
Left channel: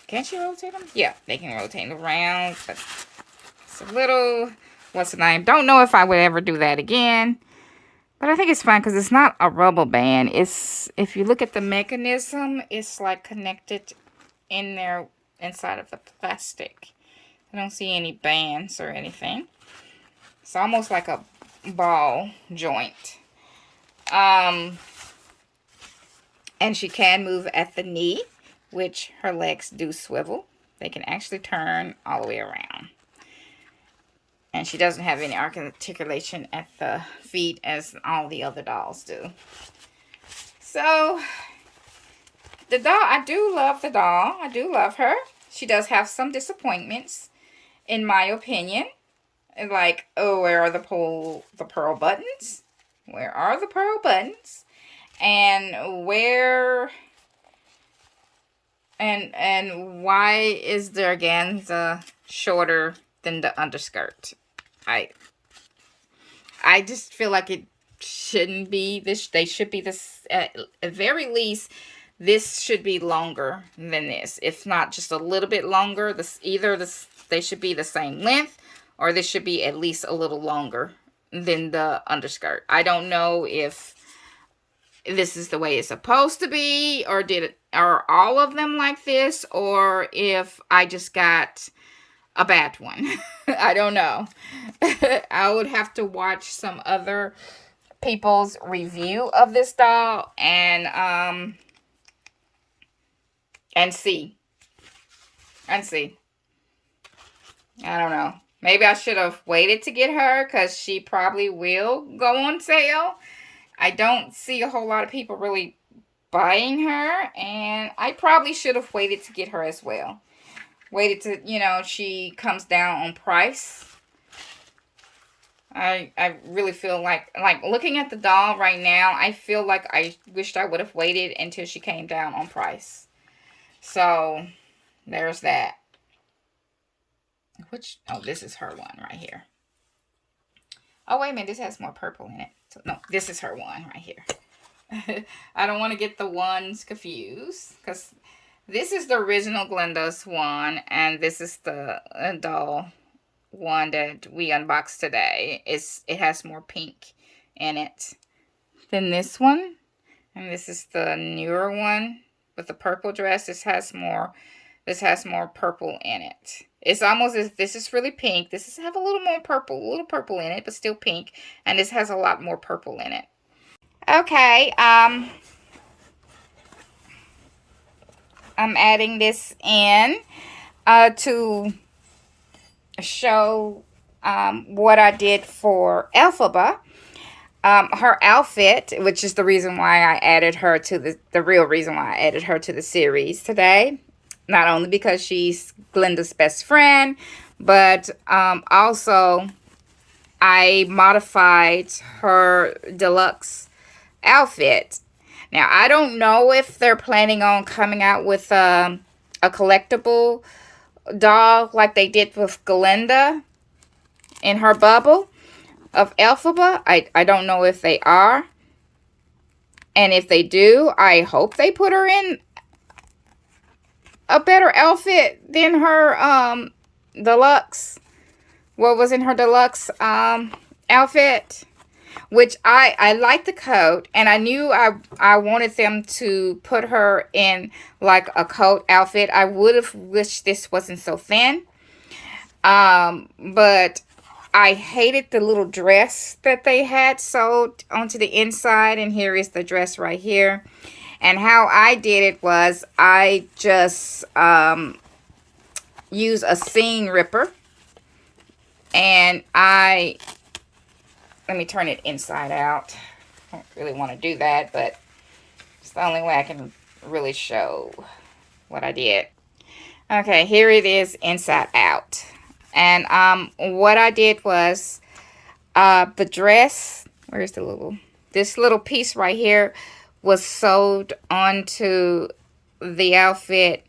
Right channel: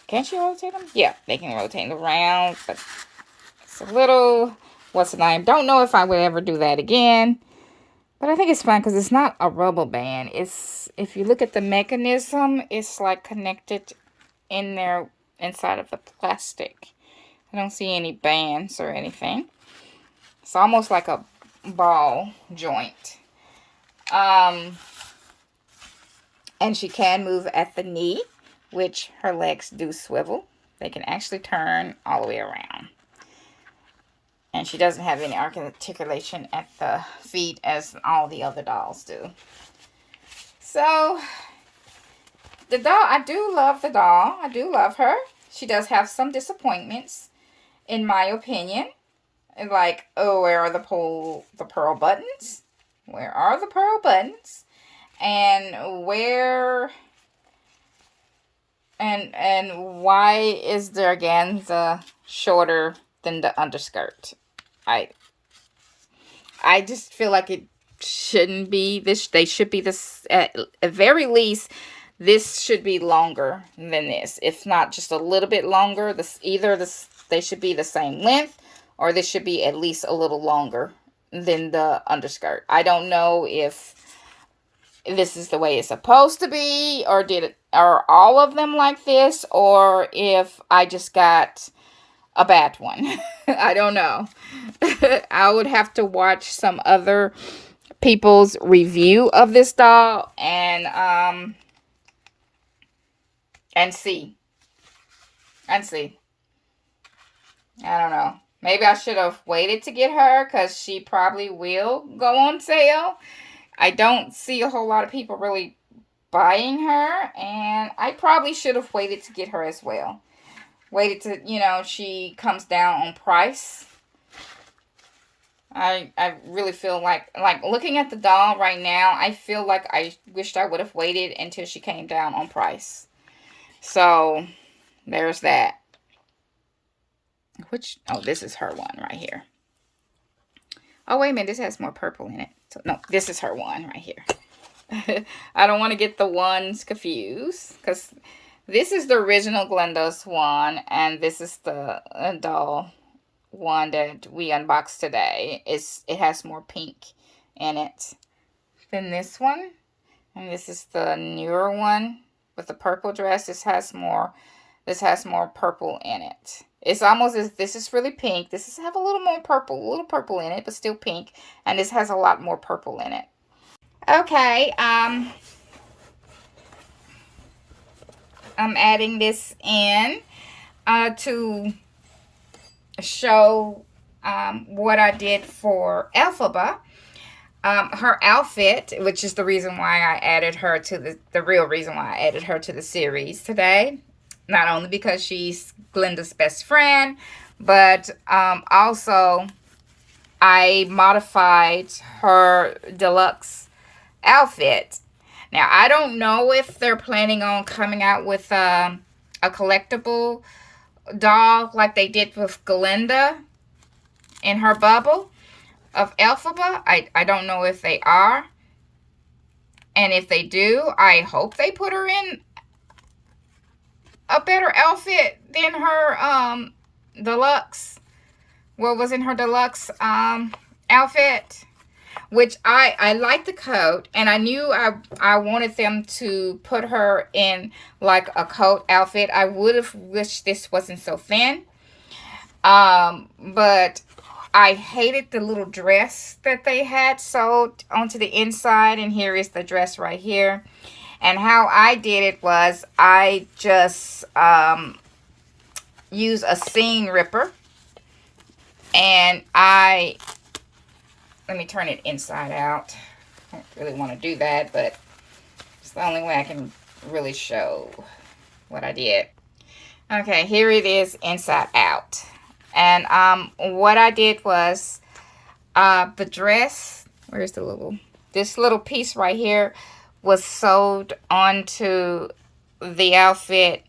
Can she rotate them? Yeah, they can rotate around, but it's a little... What's the name? Don't know if I would ever do that again. But I think it's fine because it's not a rubber band. It's, if you look at the mechanism, it's like connected in there inside of the plastic. I don't see any bands or anything. It's almost like a ball joint. And she can move at the knee, which her legs do swivel. They can actually turn all the way around. And she doesn't have any articulation at the feet as all the other dolls do. So, the doll, I do love the doll. I do love her. She does have some disappointments, in my opinion. Like, oh, where are the pearl buttons? Where are the pearl buttons? And where... And why is the organza shorter than the underskirt? I just feel like it shouldn't be this. They should be this, at very least, this should be longer than this. If not just a little bit longer, they should be the same length, or this should be at least a little longer than the underskirt. I don't know if this is the way it's supposed to be, or are all of them like this, or if I just got a bad one. I don't know. I would have to watch some other people's review of this doll and see. I don't know. Maybe I should have waited to get her because she probably will go on sale. I don't see a whole lot of people really buying her, and I probably should have waited to get her as well. Waited to, you know, she comes down on price. I really feel like looking at the doll right now, I feel like I wished I would have waited until she came down on price. So, there's that. Oh, this is her one right here. Oh, wait a minute, this has more purple in it. So, no, this is her one right here. I don't want to get the ones confused, because this is the original Glinda's one, and this is the doll one that we unboxed today. It has more pink in it than this one. And this is the newer one with the purple dress. This has more purple in it. It's almost as this is really pink. This have a little more purple, in it, but still pink. And this has a lot more purple in it. Okay, I'm adding this in to show what I did for Elphaba. Her outfit, which is the reason why I added her to the real reason why I added her to the series today. Not only because she's Glinda's best friend, but also I modified her deluxe outfit. Now, I don't know if they're planning on coming out with a collectible doll like they did with Glinda in her bubble of Elphaba. I don't know if they are. And if they do, I hope they put her in a better outfit than her deluxe what was in her deluxe outfit, which I liked the coat, and I knew I wanted them to put her in like a coat outfit. I would have wished this wasn't so thin. But I hated the little dress that they had sewed onto the inside, and here is the dress right here. And how I did it was I just use a seam ripper, and let me turn it inside out. I don't really want to do that, but it's the only way I can really show what I did. Okay, here it is inside out. And what I did was the dress, where's this little piece right here was sewed onto the outfit,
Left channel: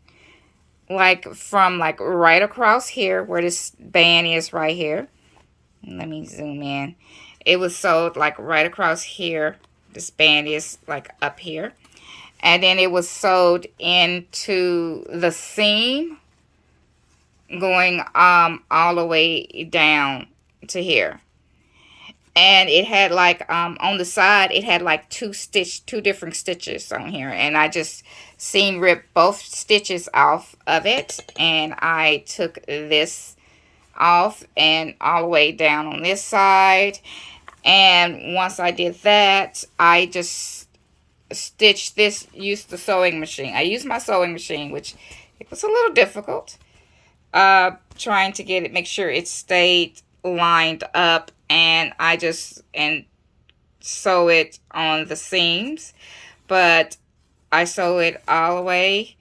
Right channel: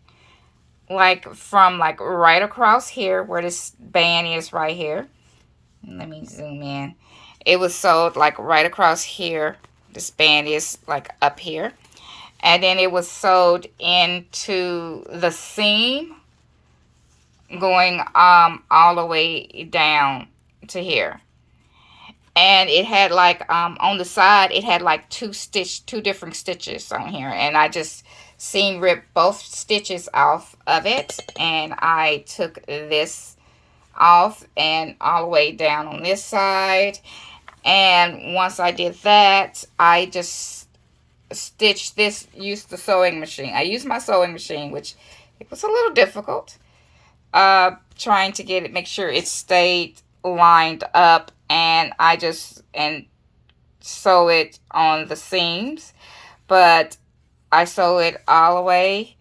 like from like right across here where this band is right here. Let me zoom in. It was sewed like right across here. This band is like up here. And then it was sewed into the seam going all the way down to here. And it had like on the side it had like two different stitches on here, and I just seam ripped both stitches off of it, and I took this off and all the way down on this side. And once I did that, I just stitched this, used the sewing machine. I used my sewing machine, which it was a little difficult, trying to get it, make sure it stayed lined up, and I just sew it on the seams. But I sew it all the way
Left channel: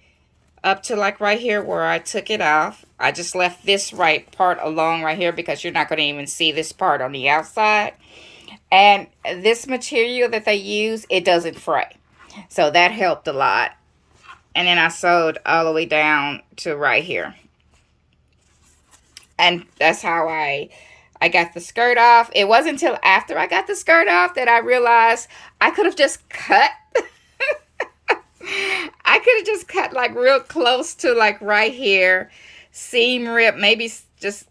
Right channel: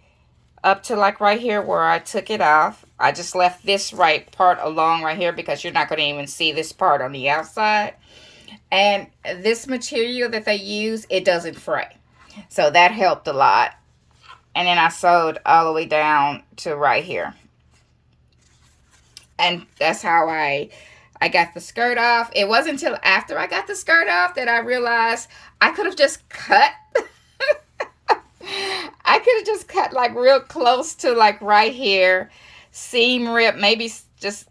up to like right here where I took it off. I just left this right part along right here because you're not going to even see this part on the outside. And this material that they use, it doesn't fray. So that helped a lot. And then I sewed all the way down to right here. And that's how I got the skirt off. It wasn't until after I got the skirt off that I realized I could have just cut. I could have just cut like real close to like right here. Seam rip, maybe just,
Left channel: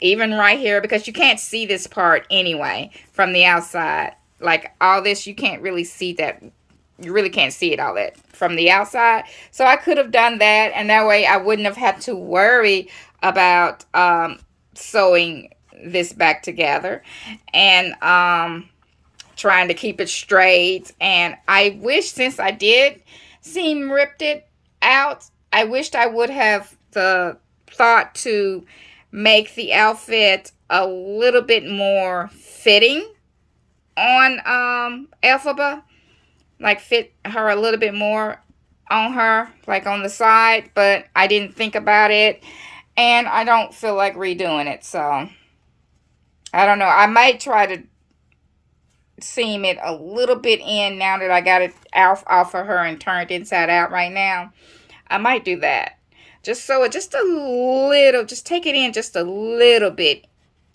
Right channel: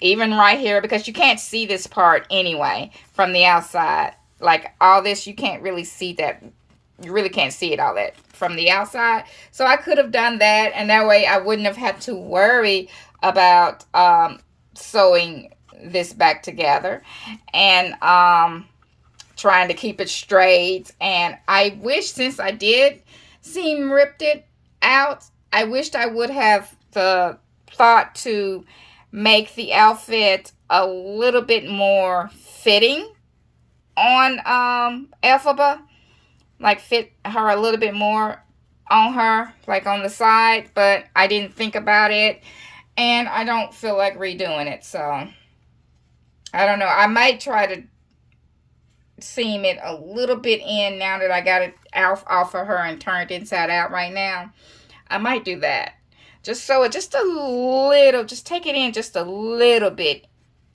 even right here, because you can't see this part anyway from the outside. Like all this, you can't really see that. You really can't see it all that from the outside. So I could have done that, and that way I wouldn't have had to worry about sewing this back together and trying to keep it straight. And I wish, since I did seam ripped it out, I wished I would have the thought to make the outfit a little bit more fitting on Elphaba, like fit her a little bit more on her, like on the side, but I didn't think about it, and I don't feel like redoing it. So I don't know, I might try to seam it a little bit in now that I got it off of her and turned inside out right now. I might do that. Just sew it just a little, just take it in just a little bit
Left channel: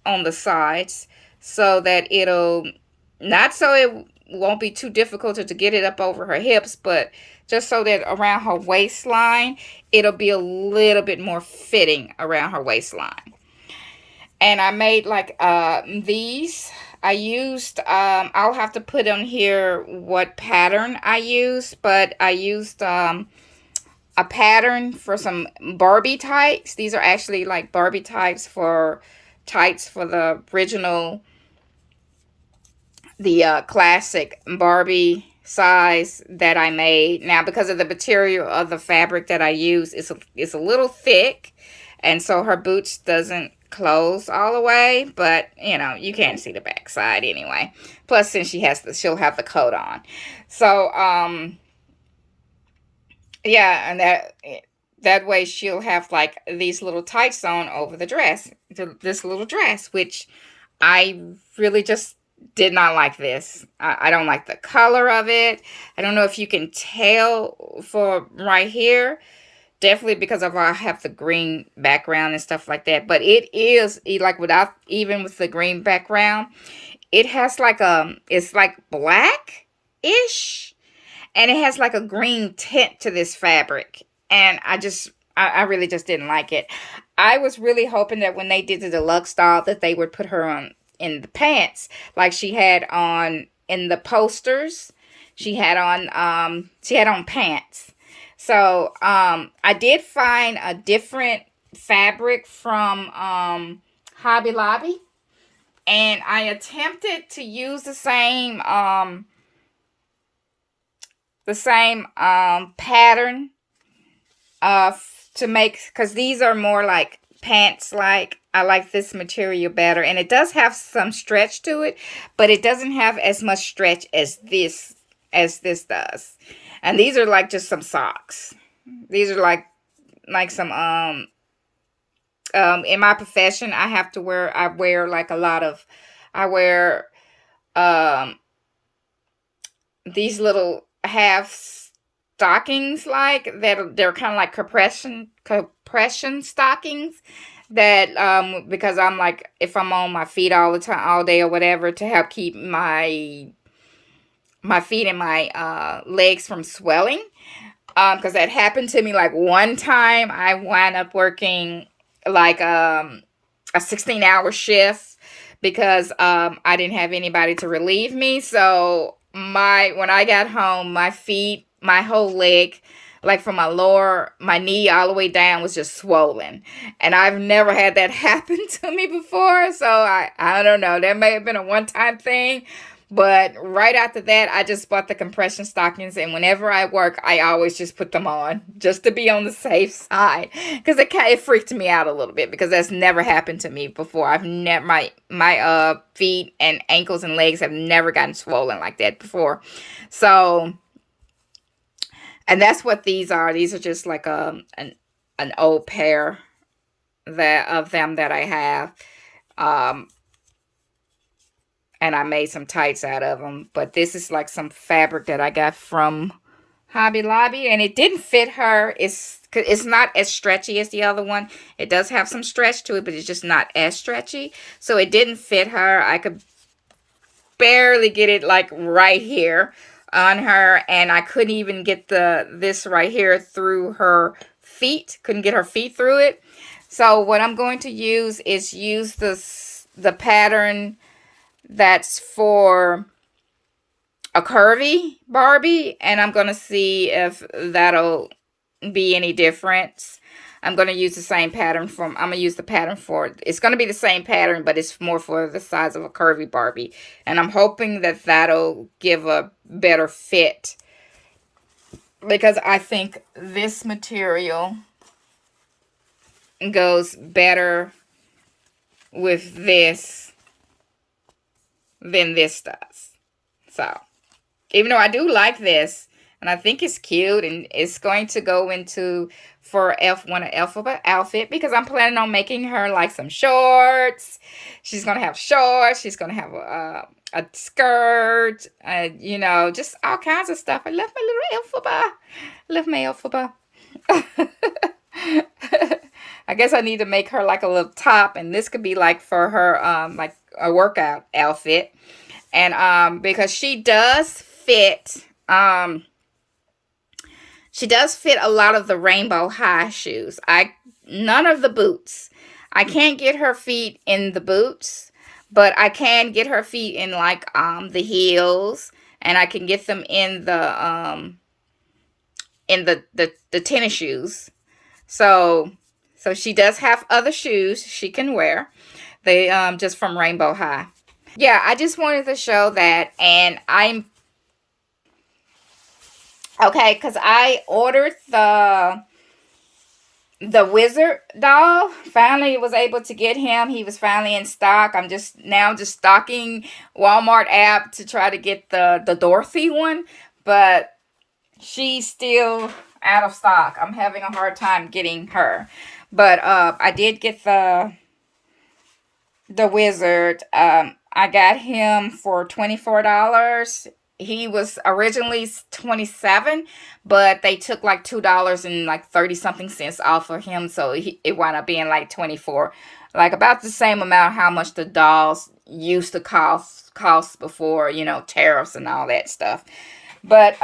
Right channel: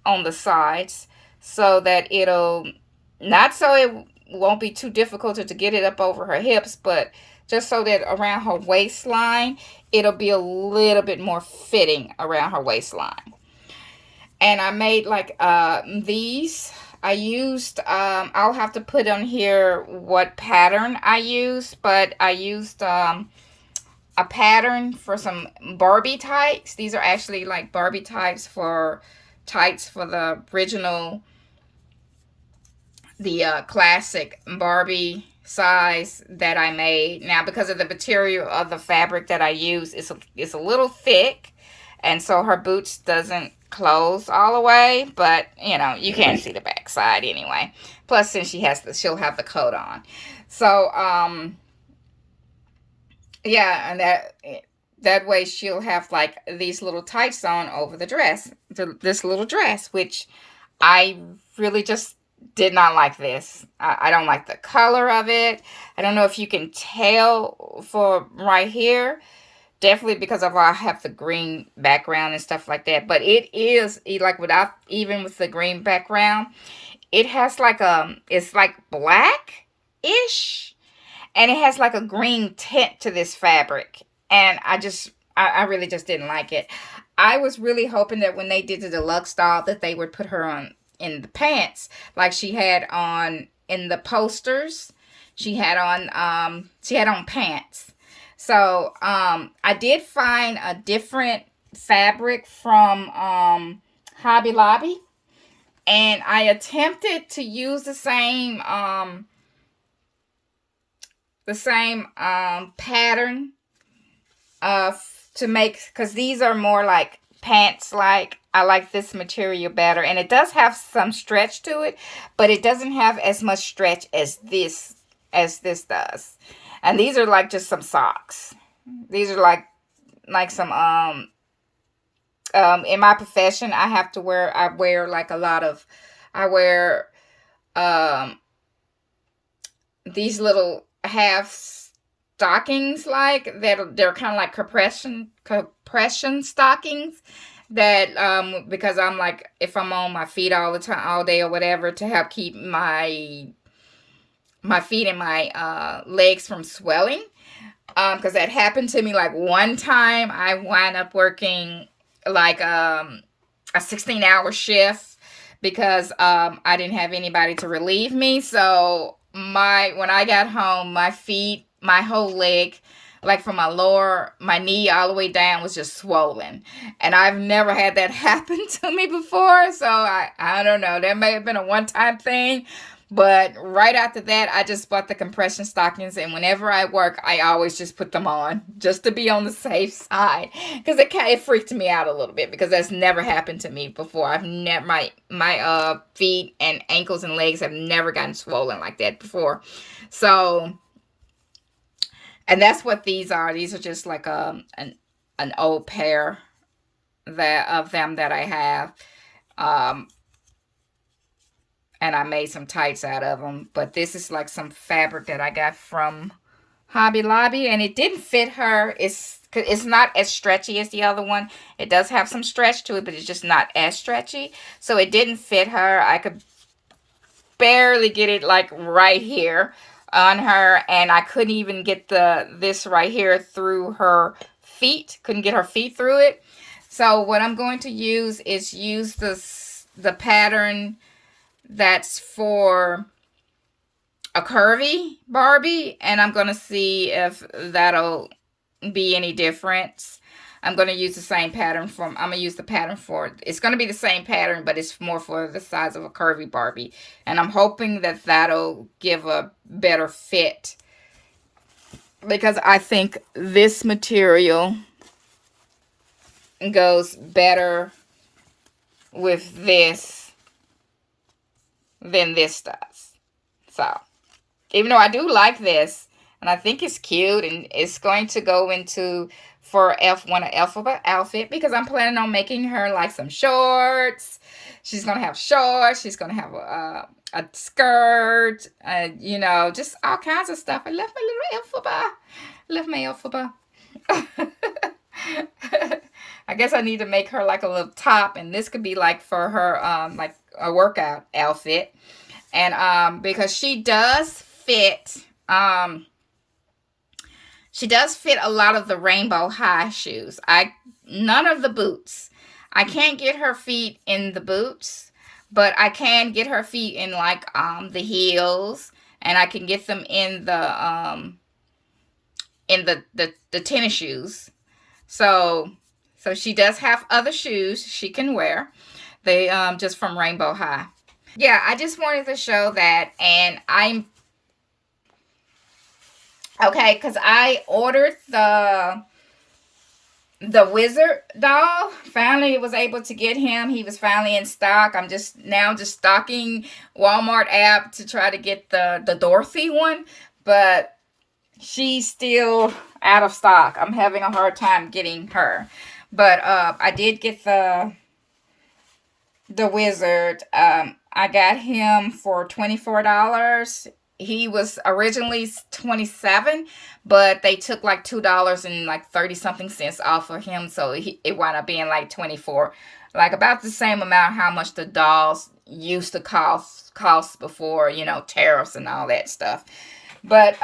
on the sides so that it'll, not so it won't be too difficult to get it up over her hips, but just so that around her waistline, it'll be a little bit more fitting around her waistline. And I made like these. I used, I'll have to put on here what pattern I used, but I used a pattern for some Barbie tights. These are actually like Barbie tights for the original, the classic Barbie size that I made. Now, because of the material of the fabric that I use, it's a little thick, and so her boots doesn't close all the way, but you can't see the back side anyway. Plus, since she'll have the coat on. So yeah, and that way she'll have like these little tights on over the dress, this little dress, which I really just did not like this. I don't like the color of it. I don't know if you can tell for right here, definitely because I have the green background and stuff like that, but it is like even with the green background, it has like it's like black-ish. And it has like a green tint to this fabric. And I really just didn't like it. I was really hoping that when they did the deluxe doll that they would put her on in the pants like she had on in the posters. She had on pants. So I did find a different fabric from Hobby Lobby, and I attempted to use the same pattern to make, because these are more like pants. Like, I like this material better, and it does have some stretch to it, but it doesn't have as much stretch as this does. And these are like just some socks. These are like some in my profession, I wear like a lot of, I wear um these little half stockings, like that. They're kind of like compression stockings that because I'm like, if I'm on my feet all the time, all day or whatever, to help keep my feet and my legs from swelling. Because that happened to me like one time. I wound up working like a 16-hour shift because I didn't have anybody to relieve me. So when I got home, my feet, my whole leg, like from my knee all the way down, was just swollen. And I've never had that happen to me before. So I don't know. That may have been a one-time thing. But right after that, I just bought the compression stockings, and whenever I work, I always just put them on just to be on the safe side, because it freaked me out a little bit, because that's never happened to me before. I've never my feet and ankles and legs have never gotten swollen like that before. So, and that's what these are. These are just like an old pair of them that I have. And I made some tights out of them. But this is like some fabric that I got from Hobby Lobby, and it didn't fit her. It's not as stretchy as the other one. It does have some stretch to it, but it's just not as stretchy. So it didn't fit her. I could barely get it like right here on her, and I couldn't even get this right here through her feet. Couldn't get her feet through it. So what I'm going to use is the pattern that's for a curvy Barbie, and I'm going to see if that'll be any difference. I'm going to use the same pattern I'm going to use the pattern it's going to be the same pattern, but it's more for the size of a curvy Barbie. And I'm hoping that that'll give a better fit, because I think this material goes better with this than this does. So, even though I do like this, and I think it's cute, and it's going to go into for one of Elphaba outfit, because I'm planning on making her like some shorts. She's gonna have shorts. She's gonna have a skirt. Just all kinds of stuff. I love my little Elphaba. I love my Elphaba. I guess I need to make her like a little top, and this could be like for her like a workout outfit. And because she does fit a lot of the rainbow high shoes. None of the boots. I can't get her feet in the boots, but I can get her feet in like the heels, and I can get them in the tennis shoes. So she does have other shoes she can wear. They just from Rainbow High. Yeah, I just wanted to show that. And I'm okay, because I ordered the wizard doll. Finally was able to get him. He was finally in stock. I'm just stocking Walmart app to try to get the Dorothy one, but she's still out of stock. I'm having a hard time getting her. But I did get the wizard. I got him for $24. He was originally $27, but they took like $2 and like 30 something cents off of him, so it wound up being like 24, like about the same amount how much the dolls used to cost before, tariffs and all that stuff. But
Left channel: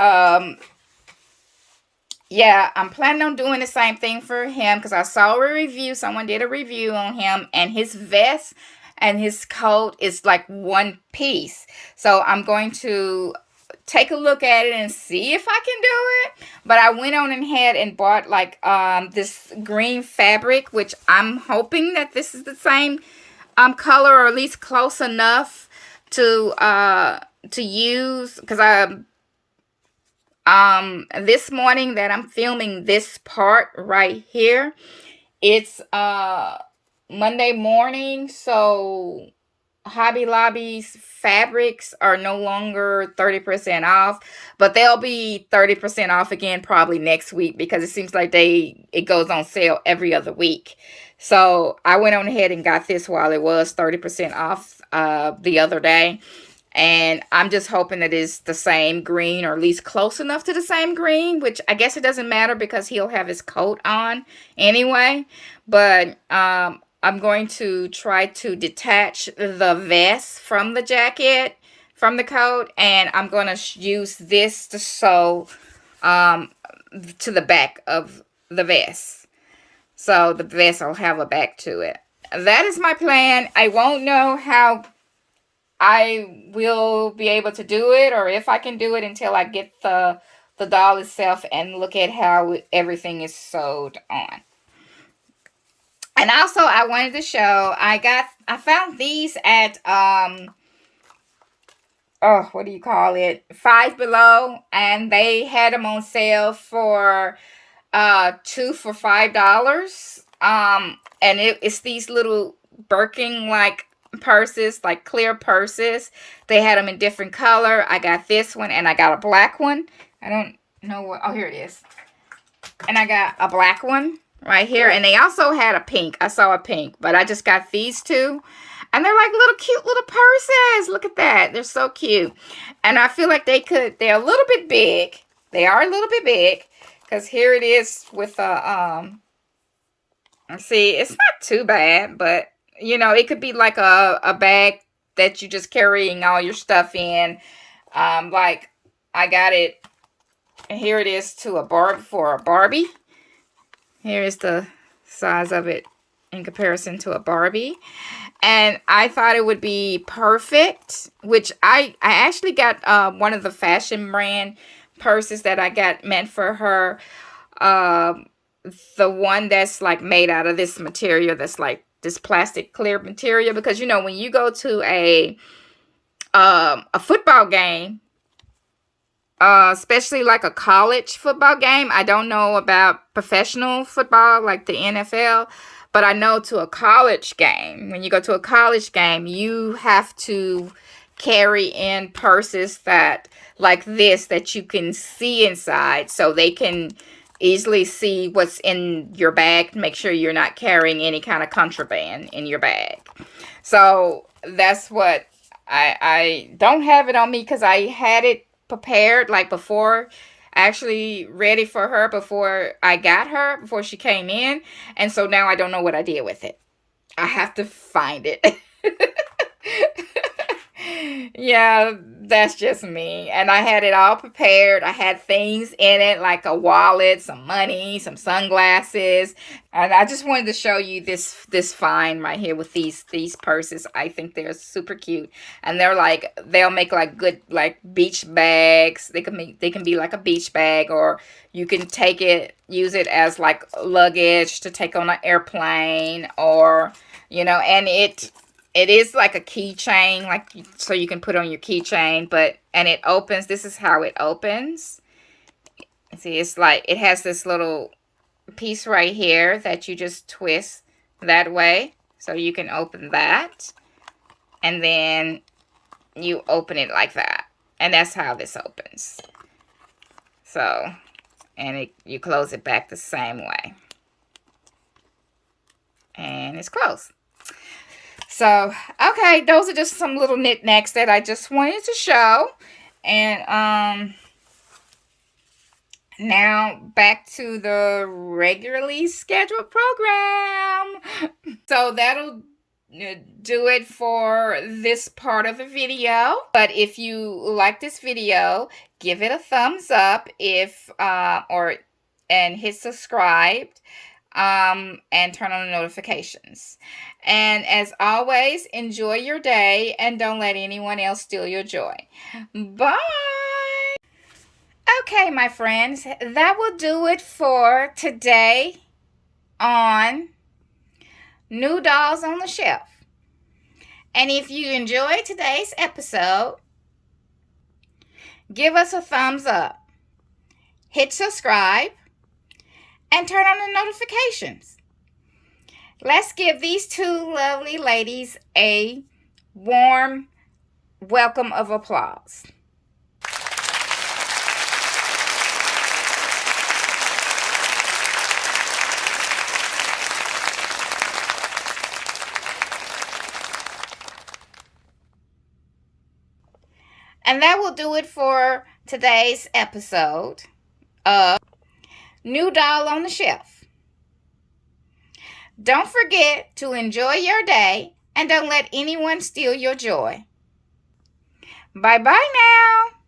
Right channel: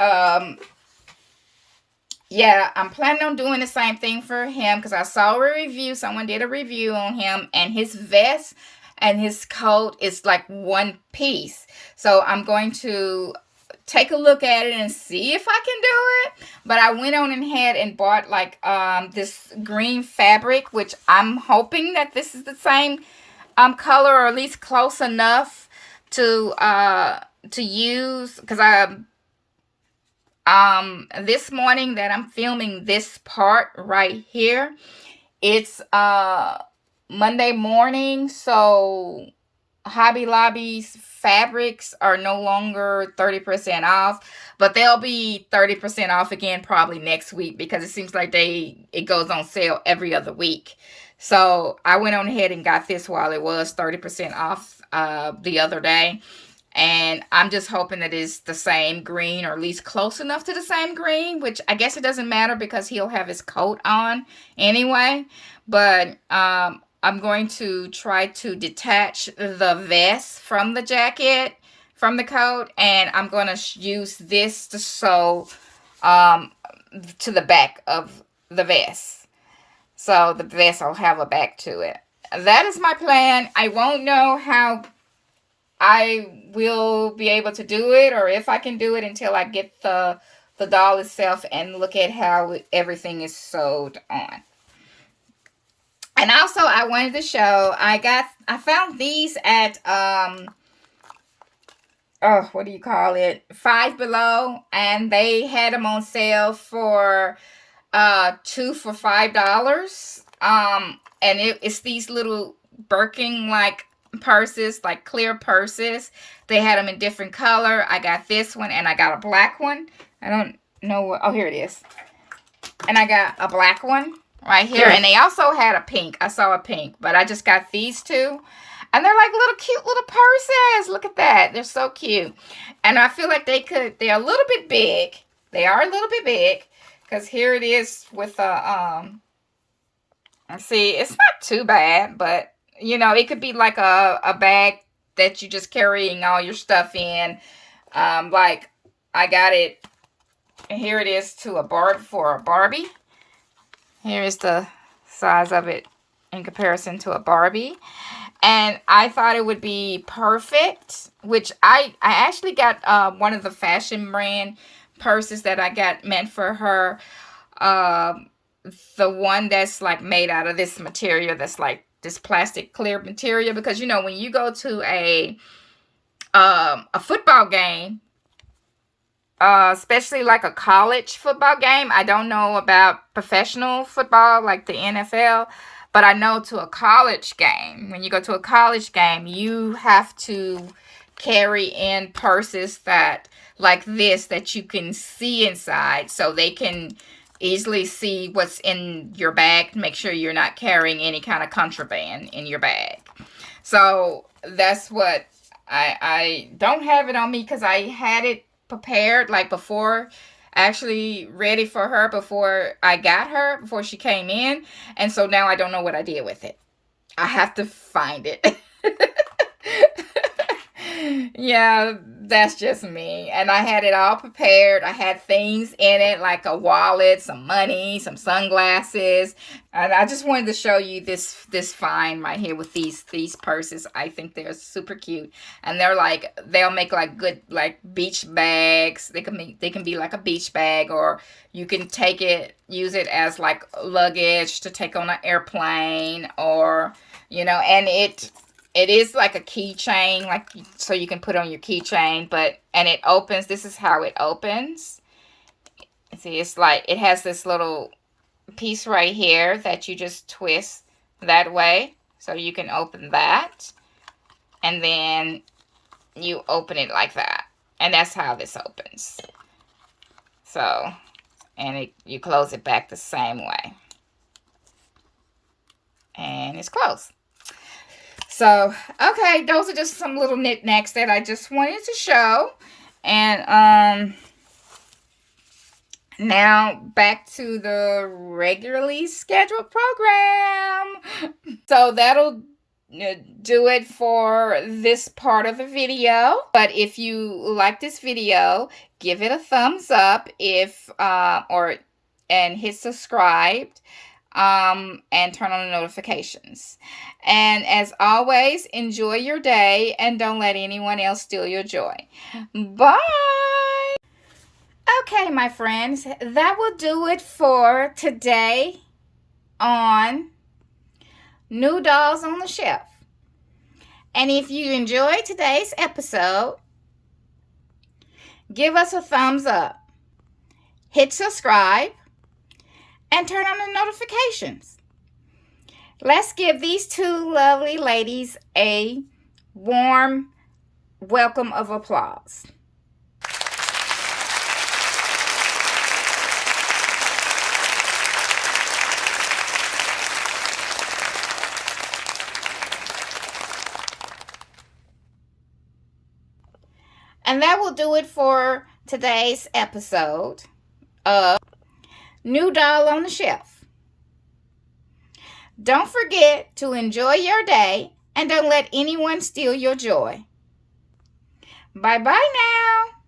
Yeah, I'm planning on doing the same thing for him because I saw a review. Someone did a review on him, and his vest and his coat is like one piece. So I'm going to take a look at it and see if I can do it. But I went on ahead and bought like this green fabric, which I'm hoping that this is the same color, or at least close enough to use, because I this morning that I'm filming this part right here, it's Monday morning, so Hobby Lobby's fabrics are no longer 30% off, but they'll be 30% off again probably next week, because it seems like it goes on sale every other week. So I went on ahead and got this while it was 30% off the other day. And I'm just hoping that it's the same green, or at least close enough to the same green, which I guess it doesn't matter because he'll have his coat on anyway. But I'm going to try to detach the vest from the jacket, from the coat, and I'm going to use this to sew to the back of the vest. So the vest will have a back to it. That is my plan. I won't know how I will be able to do it, or if I can do it, until I get the doll itself and look at how everything is sewed on. And also, I wanted to show, I found these at oh, what do you call it, Five Below, and they had them on sale for 2 for $5. And it's these little Birkin like purses, like clear purses. They had them in different color. I got this one, and I got a black one. I don't know what, oh, here it is. And I got a black one right here, and they also had a pink. I saw a pink, but I just got these two, and they're like little cute little purses. Look at that, they're so cute. And I feel like they're a little bit big. They are a little bit big, because here it is with a see, it's not too bad, but you know, it could be like a bag that you just carrying all your stuff in. Like I got it, and here it is to a Barbie. Here is the size of it in comparison to a Barbie. And I thought it would be perfect, which I actually got one of the fashion brand purses that I got meant for her. The one that's like made out of this material, that's like this plastic clear material, because you know, when you go to a football game, especially like a college football game. I don't know about professional football like the NFL, but I know to a college game, when you go to a college game, you have to carry in purses that like this, that you can see inside, so they can easily see what's in your bag. Make sure you're not carrying any kind of contraband in your bag. So that's what I don't have it on me, because I had it prepared like before, actually ready for her before I got her, before she came in. And so now I don't know what I did with it. I have to find it. Yeah, that's just me. And I had it all prepared. I had things in it like a wallet, some money, some sunglasses. And I just wanted to show you this find right here with these purses. I think they're super cute. And they'll make like good like beach bags. They can be like a beach bag, or you can use it as like luggage to take on an airplane, or you know, and it is like a keychain, like, so you can put on your keychain, and it opens. This is how it opens. See, it's like, it has this little piece right here that you just twist that way. So you can open that, and then you open it like that. And that's how this opens. So, and you close it back the same way. And it's closed. So, okay, those are just some little knickknacks that I just wanted to show. And now back to the regularly scheduled program. So that'll do it for this part of the video. But if you like this video, give it a thumbs up. Or and hit subscribe, and turn on the notifications. And as always, enjoy your day and don't let anyone else steal your joy. Bye. Okay, my friends, that will do it for today on New Dolls on the Shelf. And if you enjoyed today's episode, give us a thumbs up, hit subscribe, and turn on the notifications. Let's give these two lovely ladies a warm welcome of applause. And that will do it for today's episode of New Doll on the Shelf. Don't forget to enjoy your day and don't let anyone steal your joy. Bye-bye now.